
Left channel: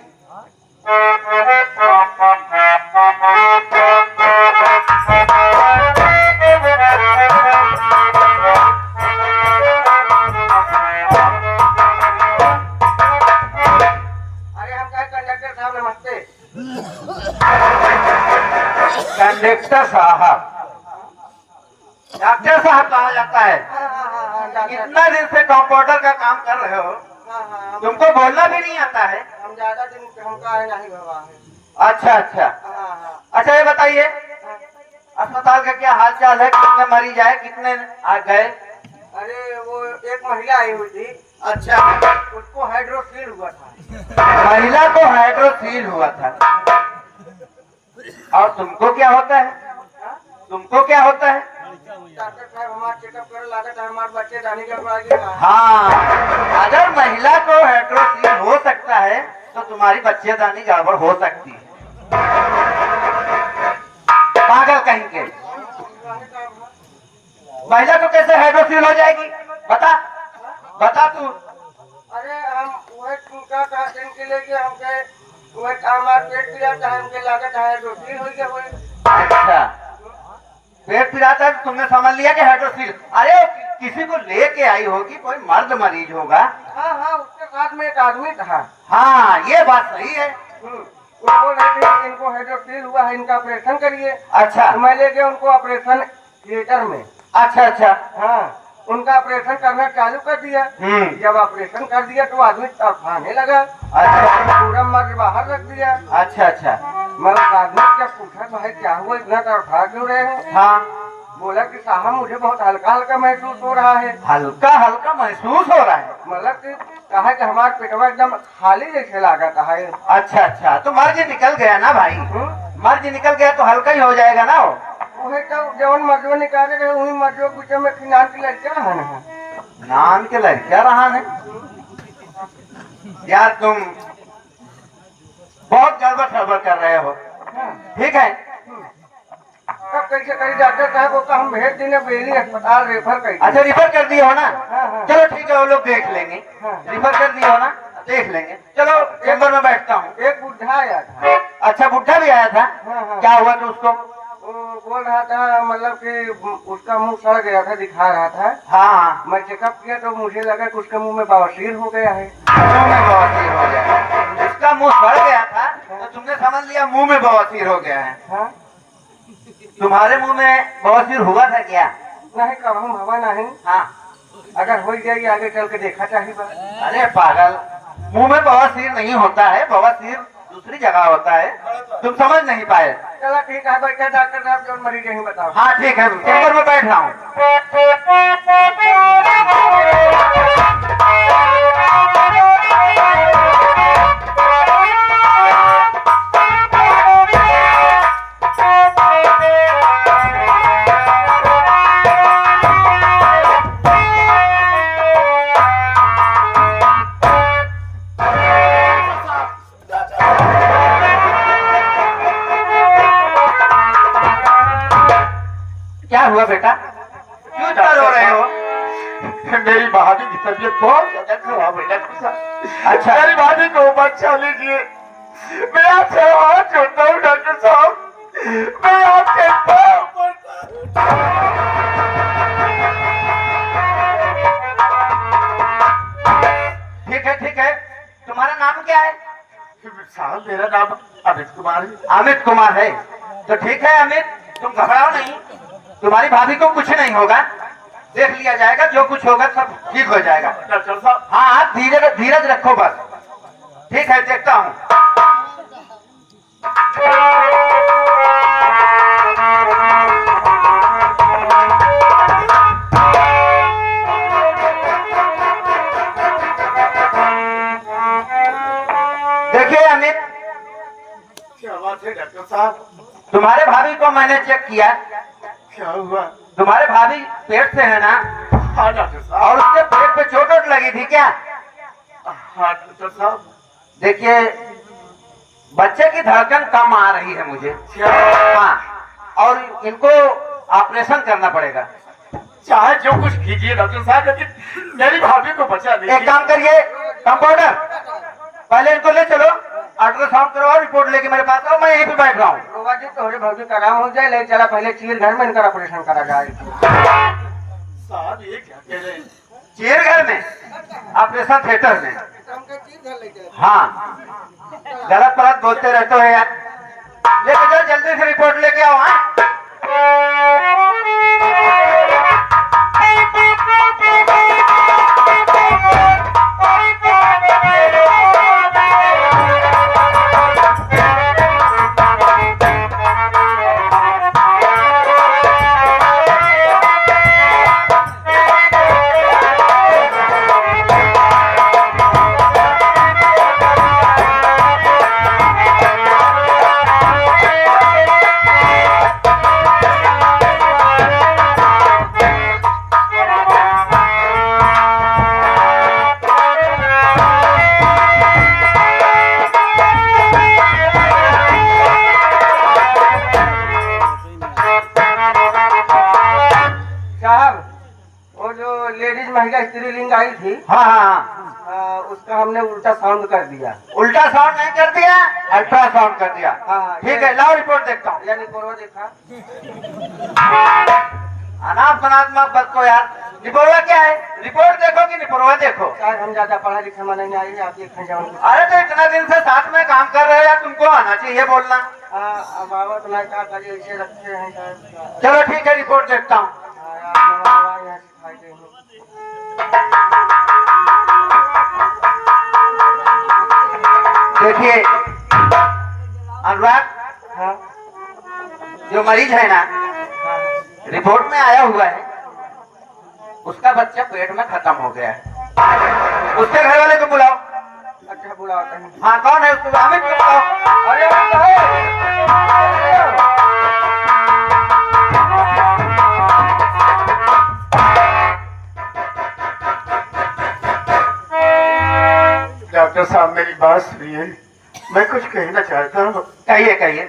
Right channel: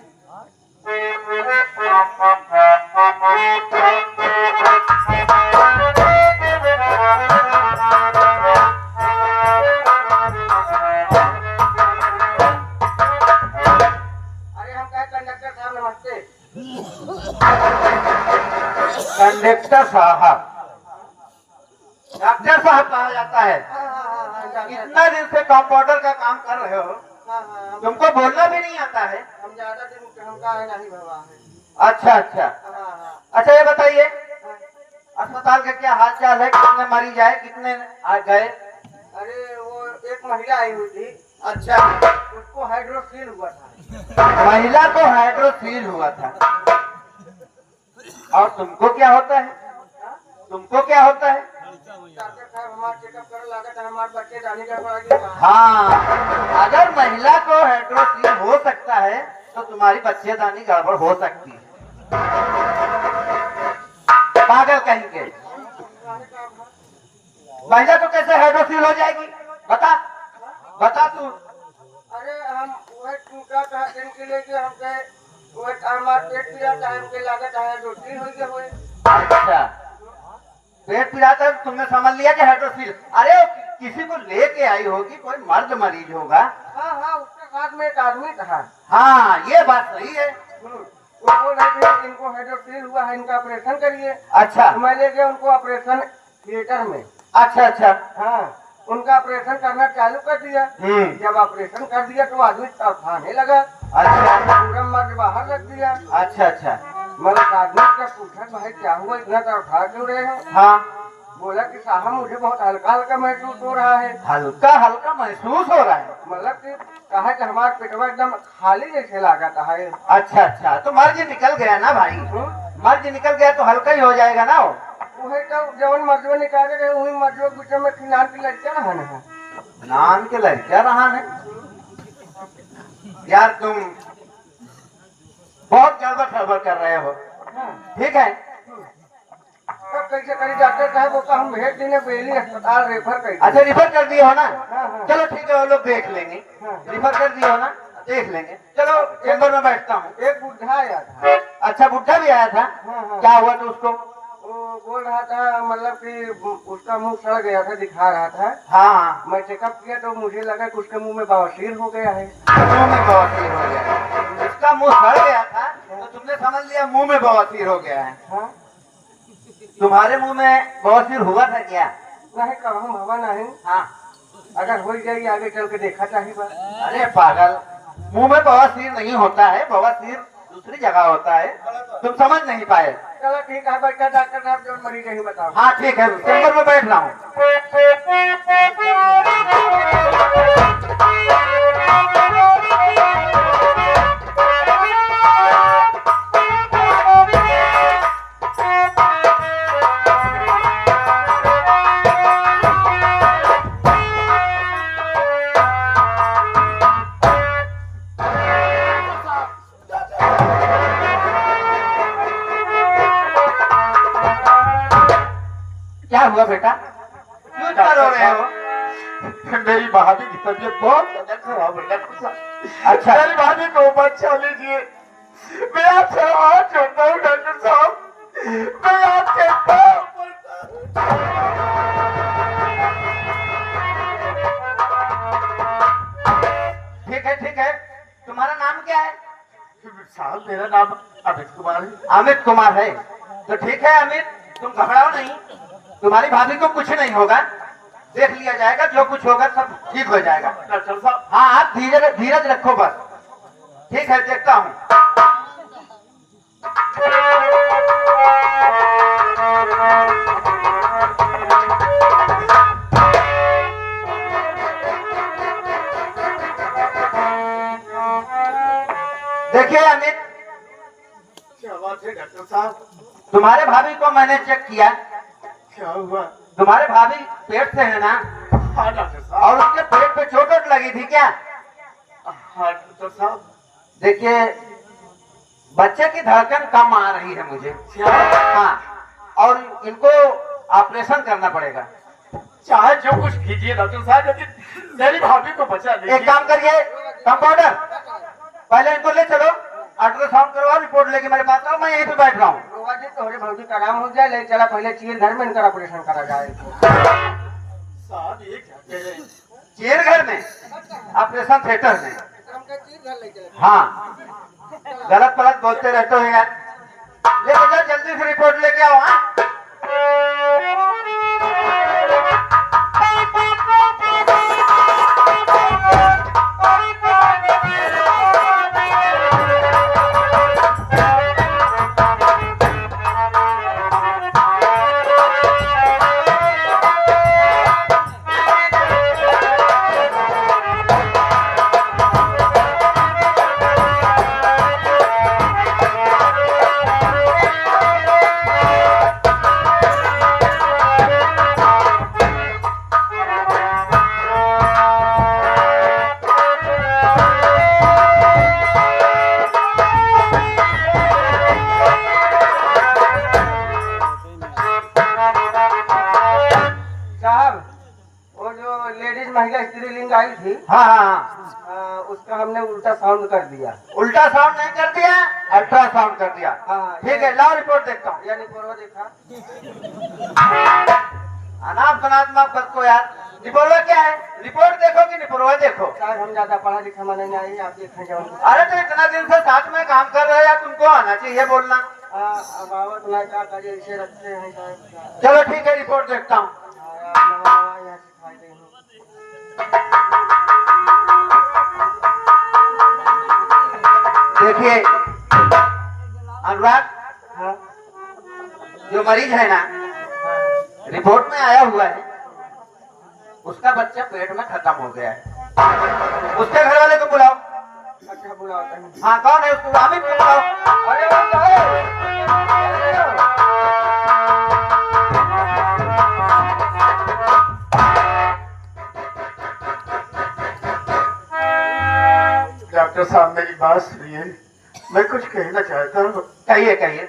कंडक्टर साहब, डॉक्टर साहब कहा जाता है। इतना दिन से कंपाउंडर का काम कर रहे हो, तुमको बोलना भी नहीं आता है? हम ज्यादा दिन पे हमका है नहीं भगवा है। अच्छा अच्छा अच्छा, ये बताइए अस्पताल का क्या हाल चाल है, कितने मरीज आए, कितने आ गए? अरे वो एक महिला आई हुई थी, अच्छा, उसको हाइड्रोसील हुआ था। महिला को हाइड्रोसील हुआ था। और तुमको क्या होता है? तुमको क्या होता है? डॉक्टर साहब हमारा चेकअप कर लागत है, हमारे बच्चे जाने के पड़ा। हाँ, अगर महिला को हाइड्रोसील हो सकता है तो तुम्हारी बच्चेदानी गड़बड़ हो सकती है। पागल कहीं के, महिला को कैसे हाइड्रोसील हो जाएगी? बता बता तू। अरे हम वह क्या कहते हैं कि लेके हम गए, वह हमारा पेट पिला था, हमके लागत है हाइड्रोसील हो गया। अच्छा, पेट पिलाता है तो तुमने समझ लिया कि हाइड्रोसील। अरे किसी को लेके आई होगी, कोई मर्द मरीज होगा। हाँ हाँ, उसके साथ में एक आदमी था। हाँ, ये बात सही है। वो बोल रहे थे कि इनको हाइड्रोसील हुआ है, इनका ऑपरेशन करिए। अच्छा तो मैं ले गया उनको ऑपरेशन थिएटर में। अच्छा अच्छा, हाँ, उनका ऑपरेशन करना चालू कर दिया। जब ऑपरेशन कर दिया तो आदमी तड़फाने लगा। अच्छा पूरा मर्ज बाहर रख दिया। अच्छा अच्छा, मगर आदमी जब पूछा भाई क्या हुआ, इतना तड़फा क्यों रहे हो? हाँ, बोला कि साहब मुझे बहुत हल्का हल्का महसूस हो रहा है। हल्का हल्का महसूस हो रहा है। मतलब कि कहा कि हमारा पेटवा एकदम खाली जैसे लागत है। अच्छा अच्छा, तो मर्ज निकल गया ना भाई, मर्ज निकल गया तो हल्का ही हो जाएगा ना। वही तो जवन मर्जो निकाले गए वही मर्जो पीछे में किनार की लड़कियां रहन है। नाम के लड़कियां रहा है यार, तुम बहुत गड़बड़ खबर कर रहे हो। ठीक है, चेकअप कैसे करी डॉक्टर साहब को हम भेज देने बेली अस्पताल रेफर कर अच्छा रिफर कर दिए हो ना? हाँ, हाँ। चलो ठीक है, वो लोग देख लेंगे। हाँ। रिफर कर दिए हो ना, देख लेंगे। चलो चैम्बर में बैठता हूँ। एक बुढ़ा आया था। अच्छा बुढ़ा भी आया था? हाँ, हाँ। क्या हुआ था उसको? वो बोल रहा था मतलब कि उसका मुंह सड़ गया था, दिखा रहा था। हाँ हाँ, मैं चेकअप किया तो मुझे लगा कि उसके मुंह में बवासीर हो गया है। मुंह में बवासीर हो गया है। उसका मुंह सड़ गया था तो तुमने समझ लिया मुंह में बवासीर हो गया है। हाँ? तुम्हारे मुंह में बवासीर हुआ था क्या? नहीं कहूँ भवा नहीं, हाँ। अगर हो जाएगी आगे चल के देखा चाहिए बस। अरे पागल, मुंह में बवासीर नहीं होता है, बवासीर दूसरी जगह होता है, तुम समझ नहीं पाए। चलो ठीक है बैठा डॉक्टर साहब, जो मरीज यही बताओ। हाँ ठीक है, चैम्बर में बैठ रहा हूँ। क्या हुआ बेटा, क्यों इतना रो रहे हो? मेरी भाभी की तबीयत बहुत ज्यादा खराब है डॉक्टर साहब। अच्छा, मेरी भाभी को बचा लीजिए। मैं आपसे हाथ जोड़ता हूँ डॉक्टर साहब, मैं आपके पाँव पड़ता हूँ। ठीक है, तुम्हारा नाम क्या है? साहब मेरा नाम अमित कुमार है। अमित कुमार है तो ठीक है अमित, तुम घबराओ नहीं, तुम्हारी भाभी को कुछ नहीं होगा, देख लिया जाएगा, जो कुछ होगा सब ठीक हो जाएगा। डॉक्टर साहब हाँ आप धीरज रखो बस। ठीक है, देखता हूँ। देखिए अमित, क्या बात है डॉक्टर साहब? तुम्हारे भाभी को मैंने चेक किया, क्या हुआ? तुम्हारे भाभी पेट से है ना, हाँ डॉक्टर साहब। और उसके पेट पे चोट वोट लगी थी क्या? हाँ डॉक्टर साहब। देखिए बच्चे की धड़कन कम आ रही है मुझे। क्या? हाँ, और इनको ऑपरेशन करना पड़ेगा। चाहे जो कुछ कीजिए डॉक्टर साहब, लेकिन मेरी भाभी को बचा एक लीजिए। काम करिए कंपाउंडर, पहले इनको ले चलो, अल्ट्रासाउंड करवाओ, रिपोर्ट लेके मेरे पास आओ, मैं यहीं पे बैठ रहा हूँ। बाबा जी तो भौजी का काम हो जाए, ले चला पहले चील घर में इनका ऑपरेशन करा जाए। साहब ये क्या कह रहे हैं? चेयर घर में, ऑपरेशन थिएटर में। हाँ, गलत गलत बोलते रहते हो यार। लेके जाओ जल्दी से, रिपोर्ट लेके आओ। हाँ लेडीज महिला स्त्रीलिंग आई थी, हाँ हाँ, उसका हमने उल्टा साउंड कर दिया। उल्टा साउंड नहीं कर दिया, अल्ट्रासाउंड कर दिया। हाँ, ठीक है, लाओ रिपोर्ट देखता हूँ। यानी पूर्व देखा अनाप शनाप मत बच्चों यार, निपोरवा क्या है? रिपोर्ट देखो कि निपोरवा देखो? शायद हम ज्यादा पढ़ा लिखा मन नहीं आई, आप एक घंटे में अरे तो इतना दिन से साथ में काम कर रहे हैं, तुमको आना चाहिए बोलना। अब आवत नहीं का करिए, ऐसे रखे हैं शायद। चलो ठीक है, रिपोर्ट देखता हूँ। यहाँ दिखाई दे रही। देखिए अनुराग, हाँ, जो मरीज है ना, हाँ, रिपोर्ट में आया हुआ है, उसका बच्चा पेट में खत्म हो गया है। उसके घर वाले को बुलाओ। अच्छा बुलाते हैं। हाँ, कौन है उसको? अमित को बुलाओ। अरे डॉक्टर साहब मेरी बात सुनिए, मैं कुछ कहना चाहता हूँ। कहिए कहिए।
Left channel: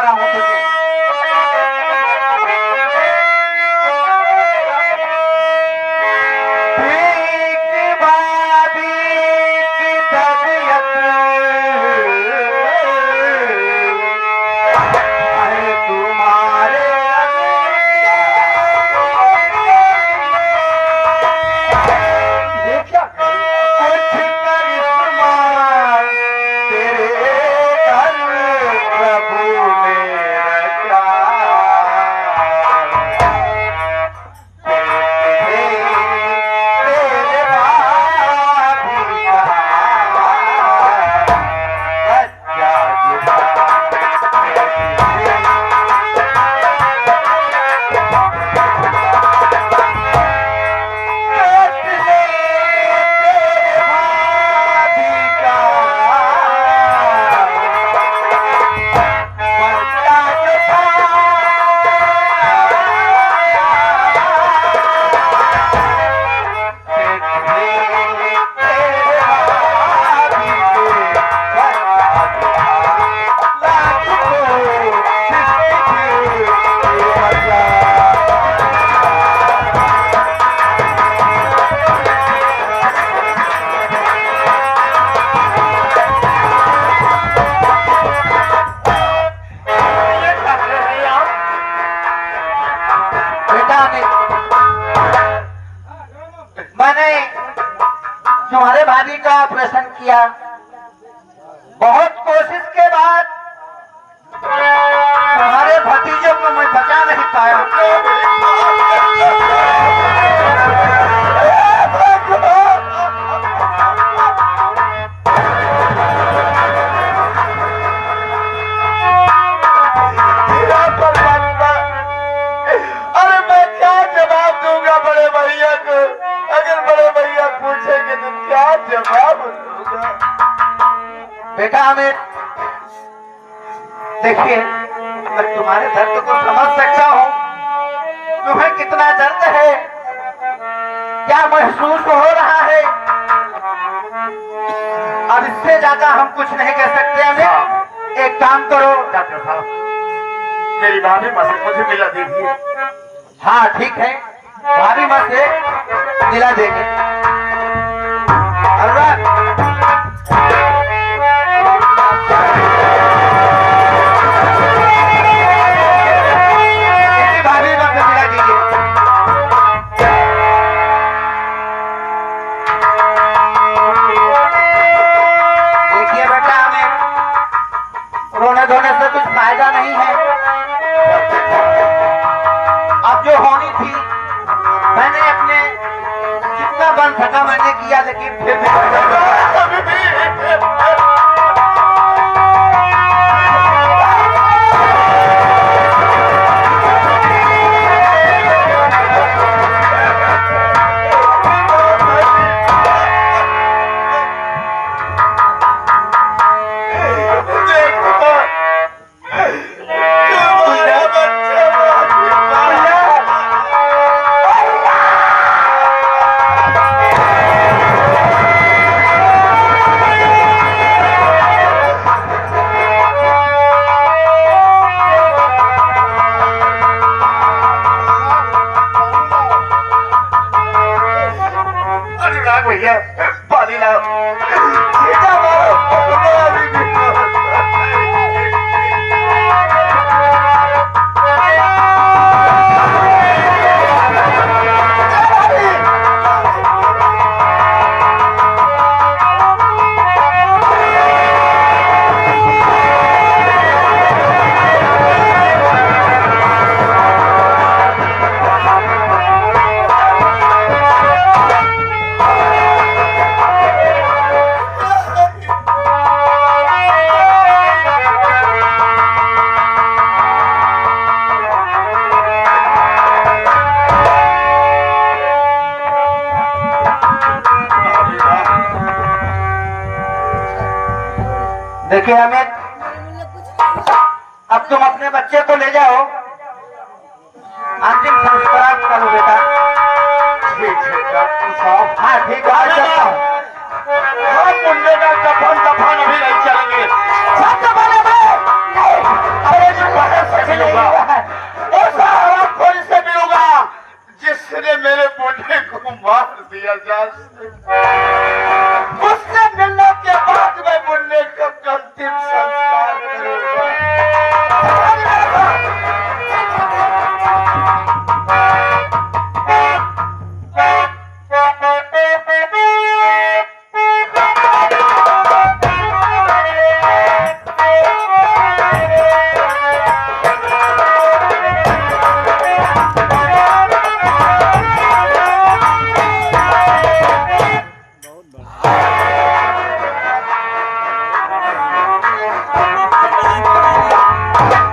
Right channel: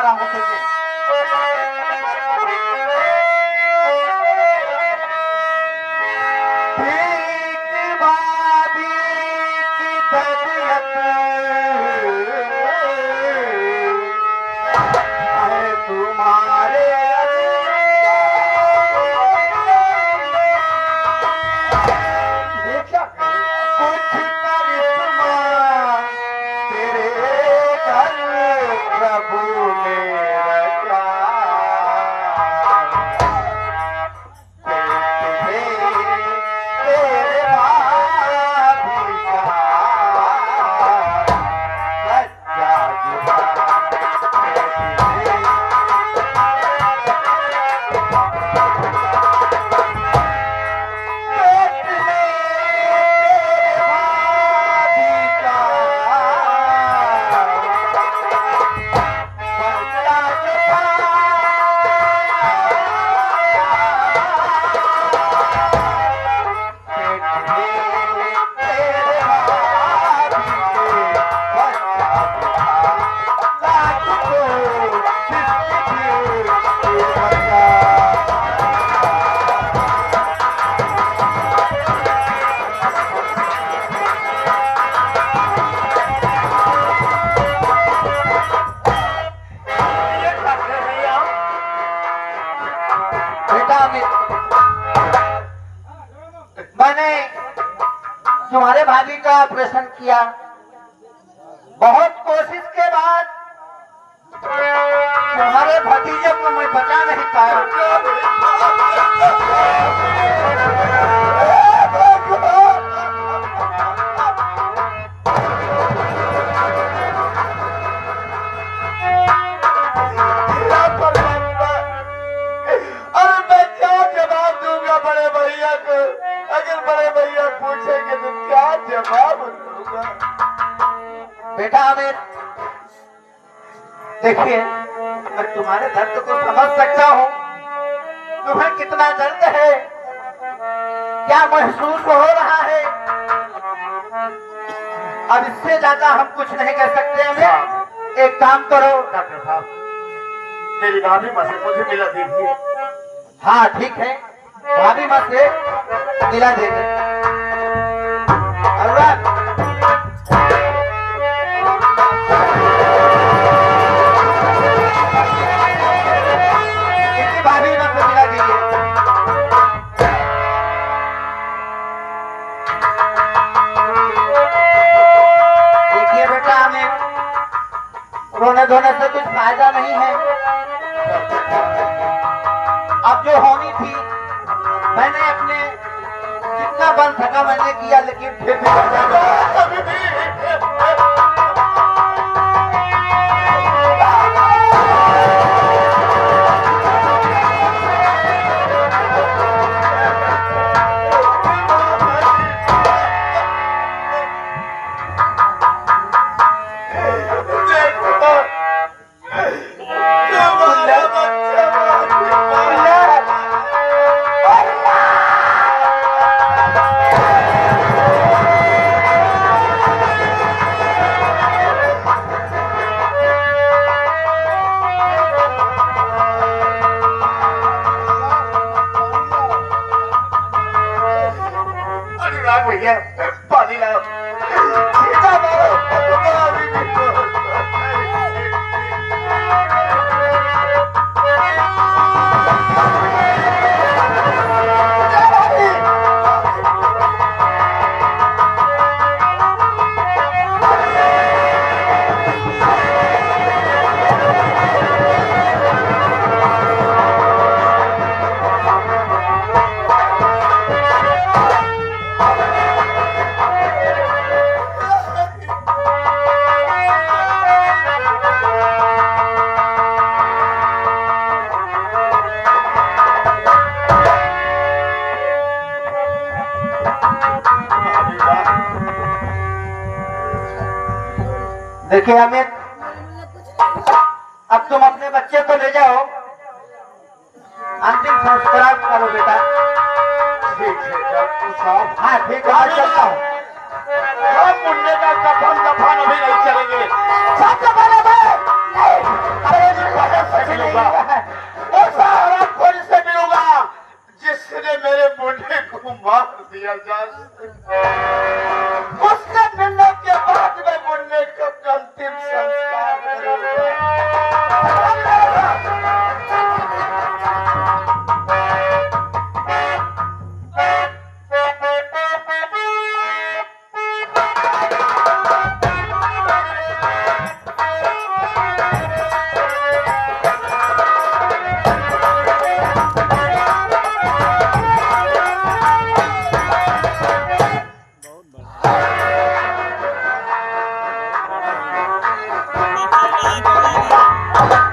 रहा हूँ तुझे। ठीक भाभी की तबीयत है तुम्हारे ये क्या कुछ करिश्मा तेरे घर प्रभु ने रचा। तेरे भाभी का बच्चा जुड़ा। मैंने तुम्हारे भाभी का ऑपरेशन किया, बहुत कोशिश के बाद तुम्हारे भतीजे को मैं बचा नहीं पाया। अरे मैं क्या जवाब दूंगा बड़े भैया को? अगर बड़े भैया पूछेंगे तो क्या जवाब दूंगा? बेटा आमिर, देखिए मैं तुम्हारे दर्द को समझ सकता हूँ। तुम्हें कितना दर्द है, क्या महसूस हो रहा है। अब इससे ज्यादा हम कुछ नहीं कर सकते। हमें एक काम करो डॉक्टर साहब, मेरी भाभी मसल मुझे मिला दीजिए। हाँ ठीक है, भाभी मत से दिला देंगे। अनुराग, इनकी भाभी मत से दिला दीजिए। देखिए बेटा, हमें रोने धोने से कुछ फायदा नहीं है। अब जो होनी थी मैंने अपने जितना बन सका मैंने किया, लेकिन फिर भी अनुराग भैया, पानी लाओ। सीधा मारो। देखिए हमें, अब तुम अपने बच्चे को ले जाओ, अंतिम संस्कार करो बेटा। ठीक है डॉक्टर साहब। हाँ ठीक है, मैं चलता हूँ। हम मुंडे का कफन अभी नहीं चलेंगे। अरे मैं मिलूंगा, उस हराम खोरी से मिलूंगा जिसने मेरे मुंडे को मार दिया जाए। उससे मिलने के बाद मैं मुन्ने का अंतिम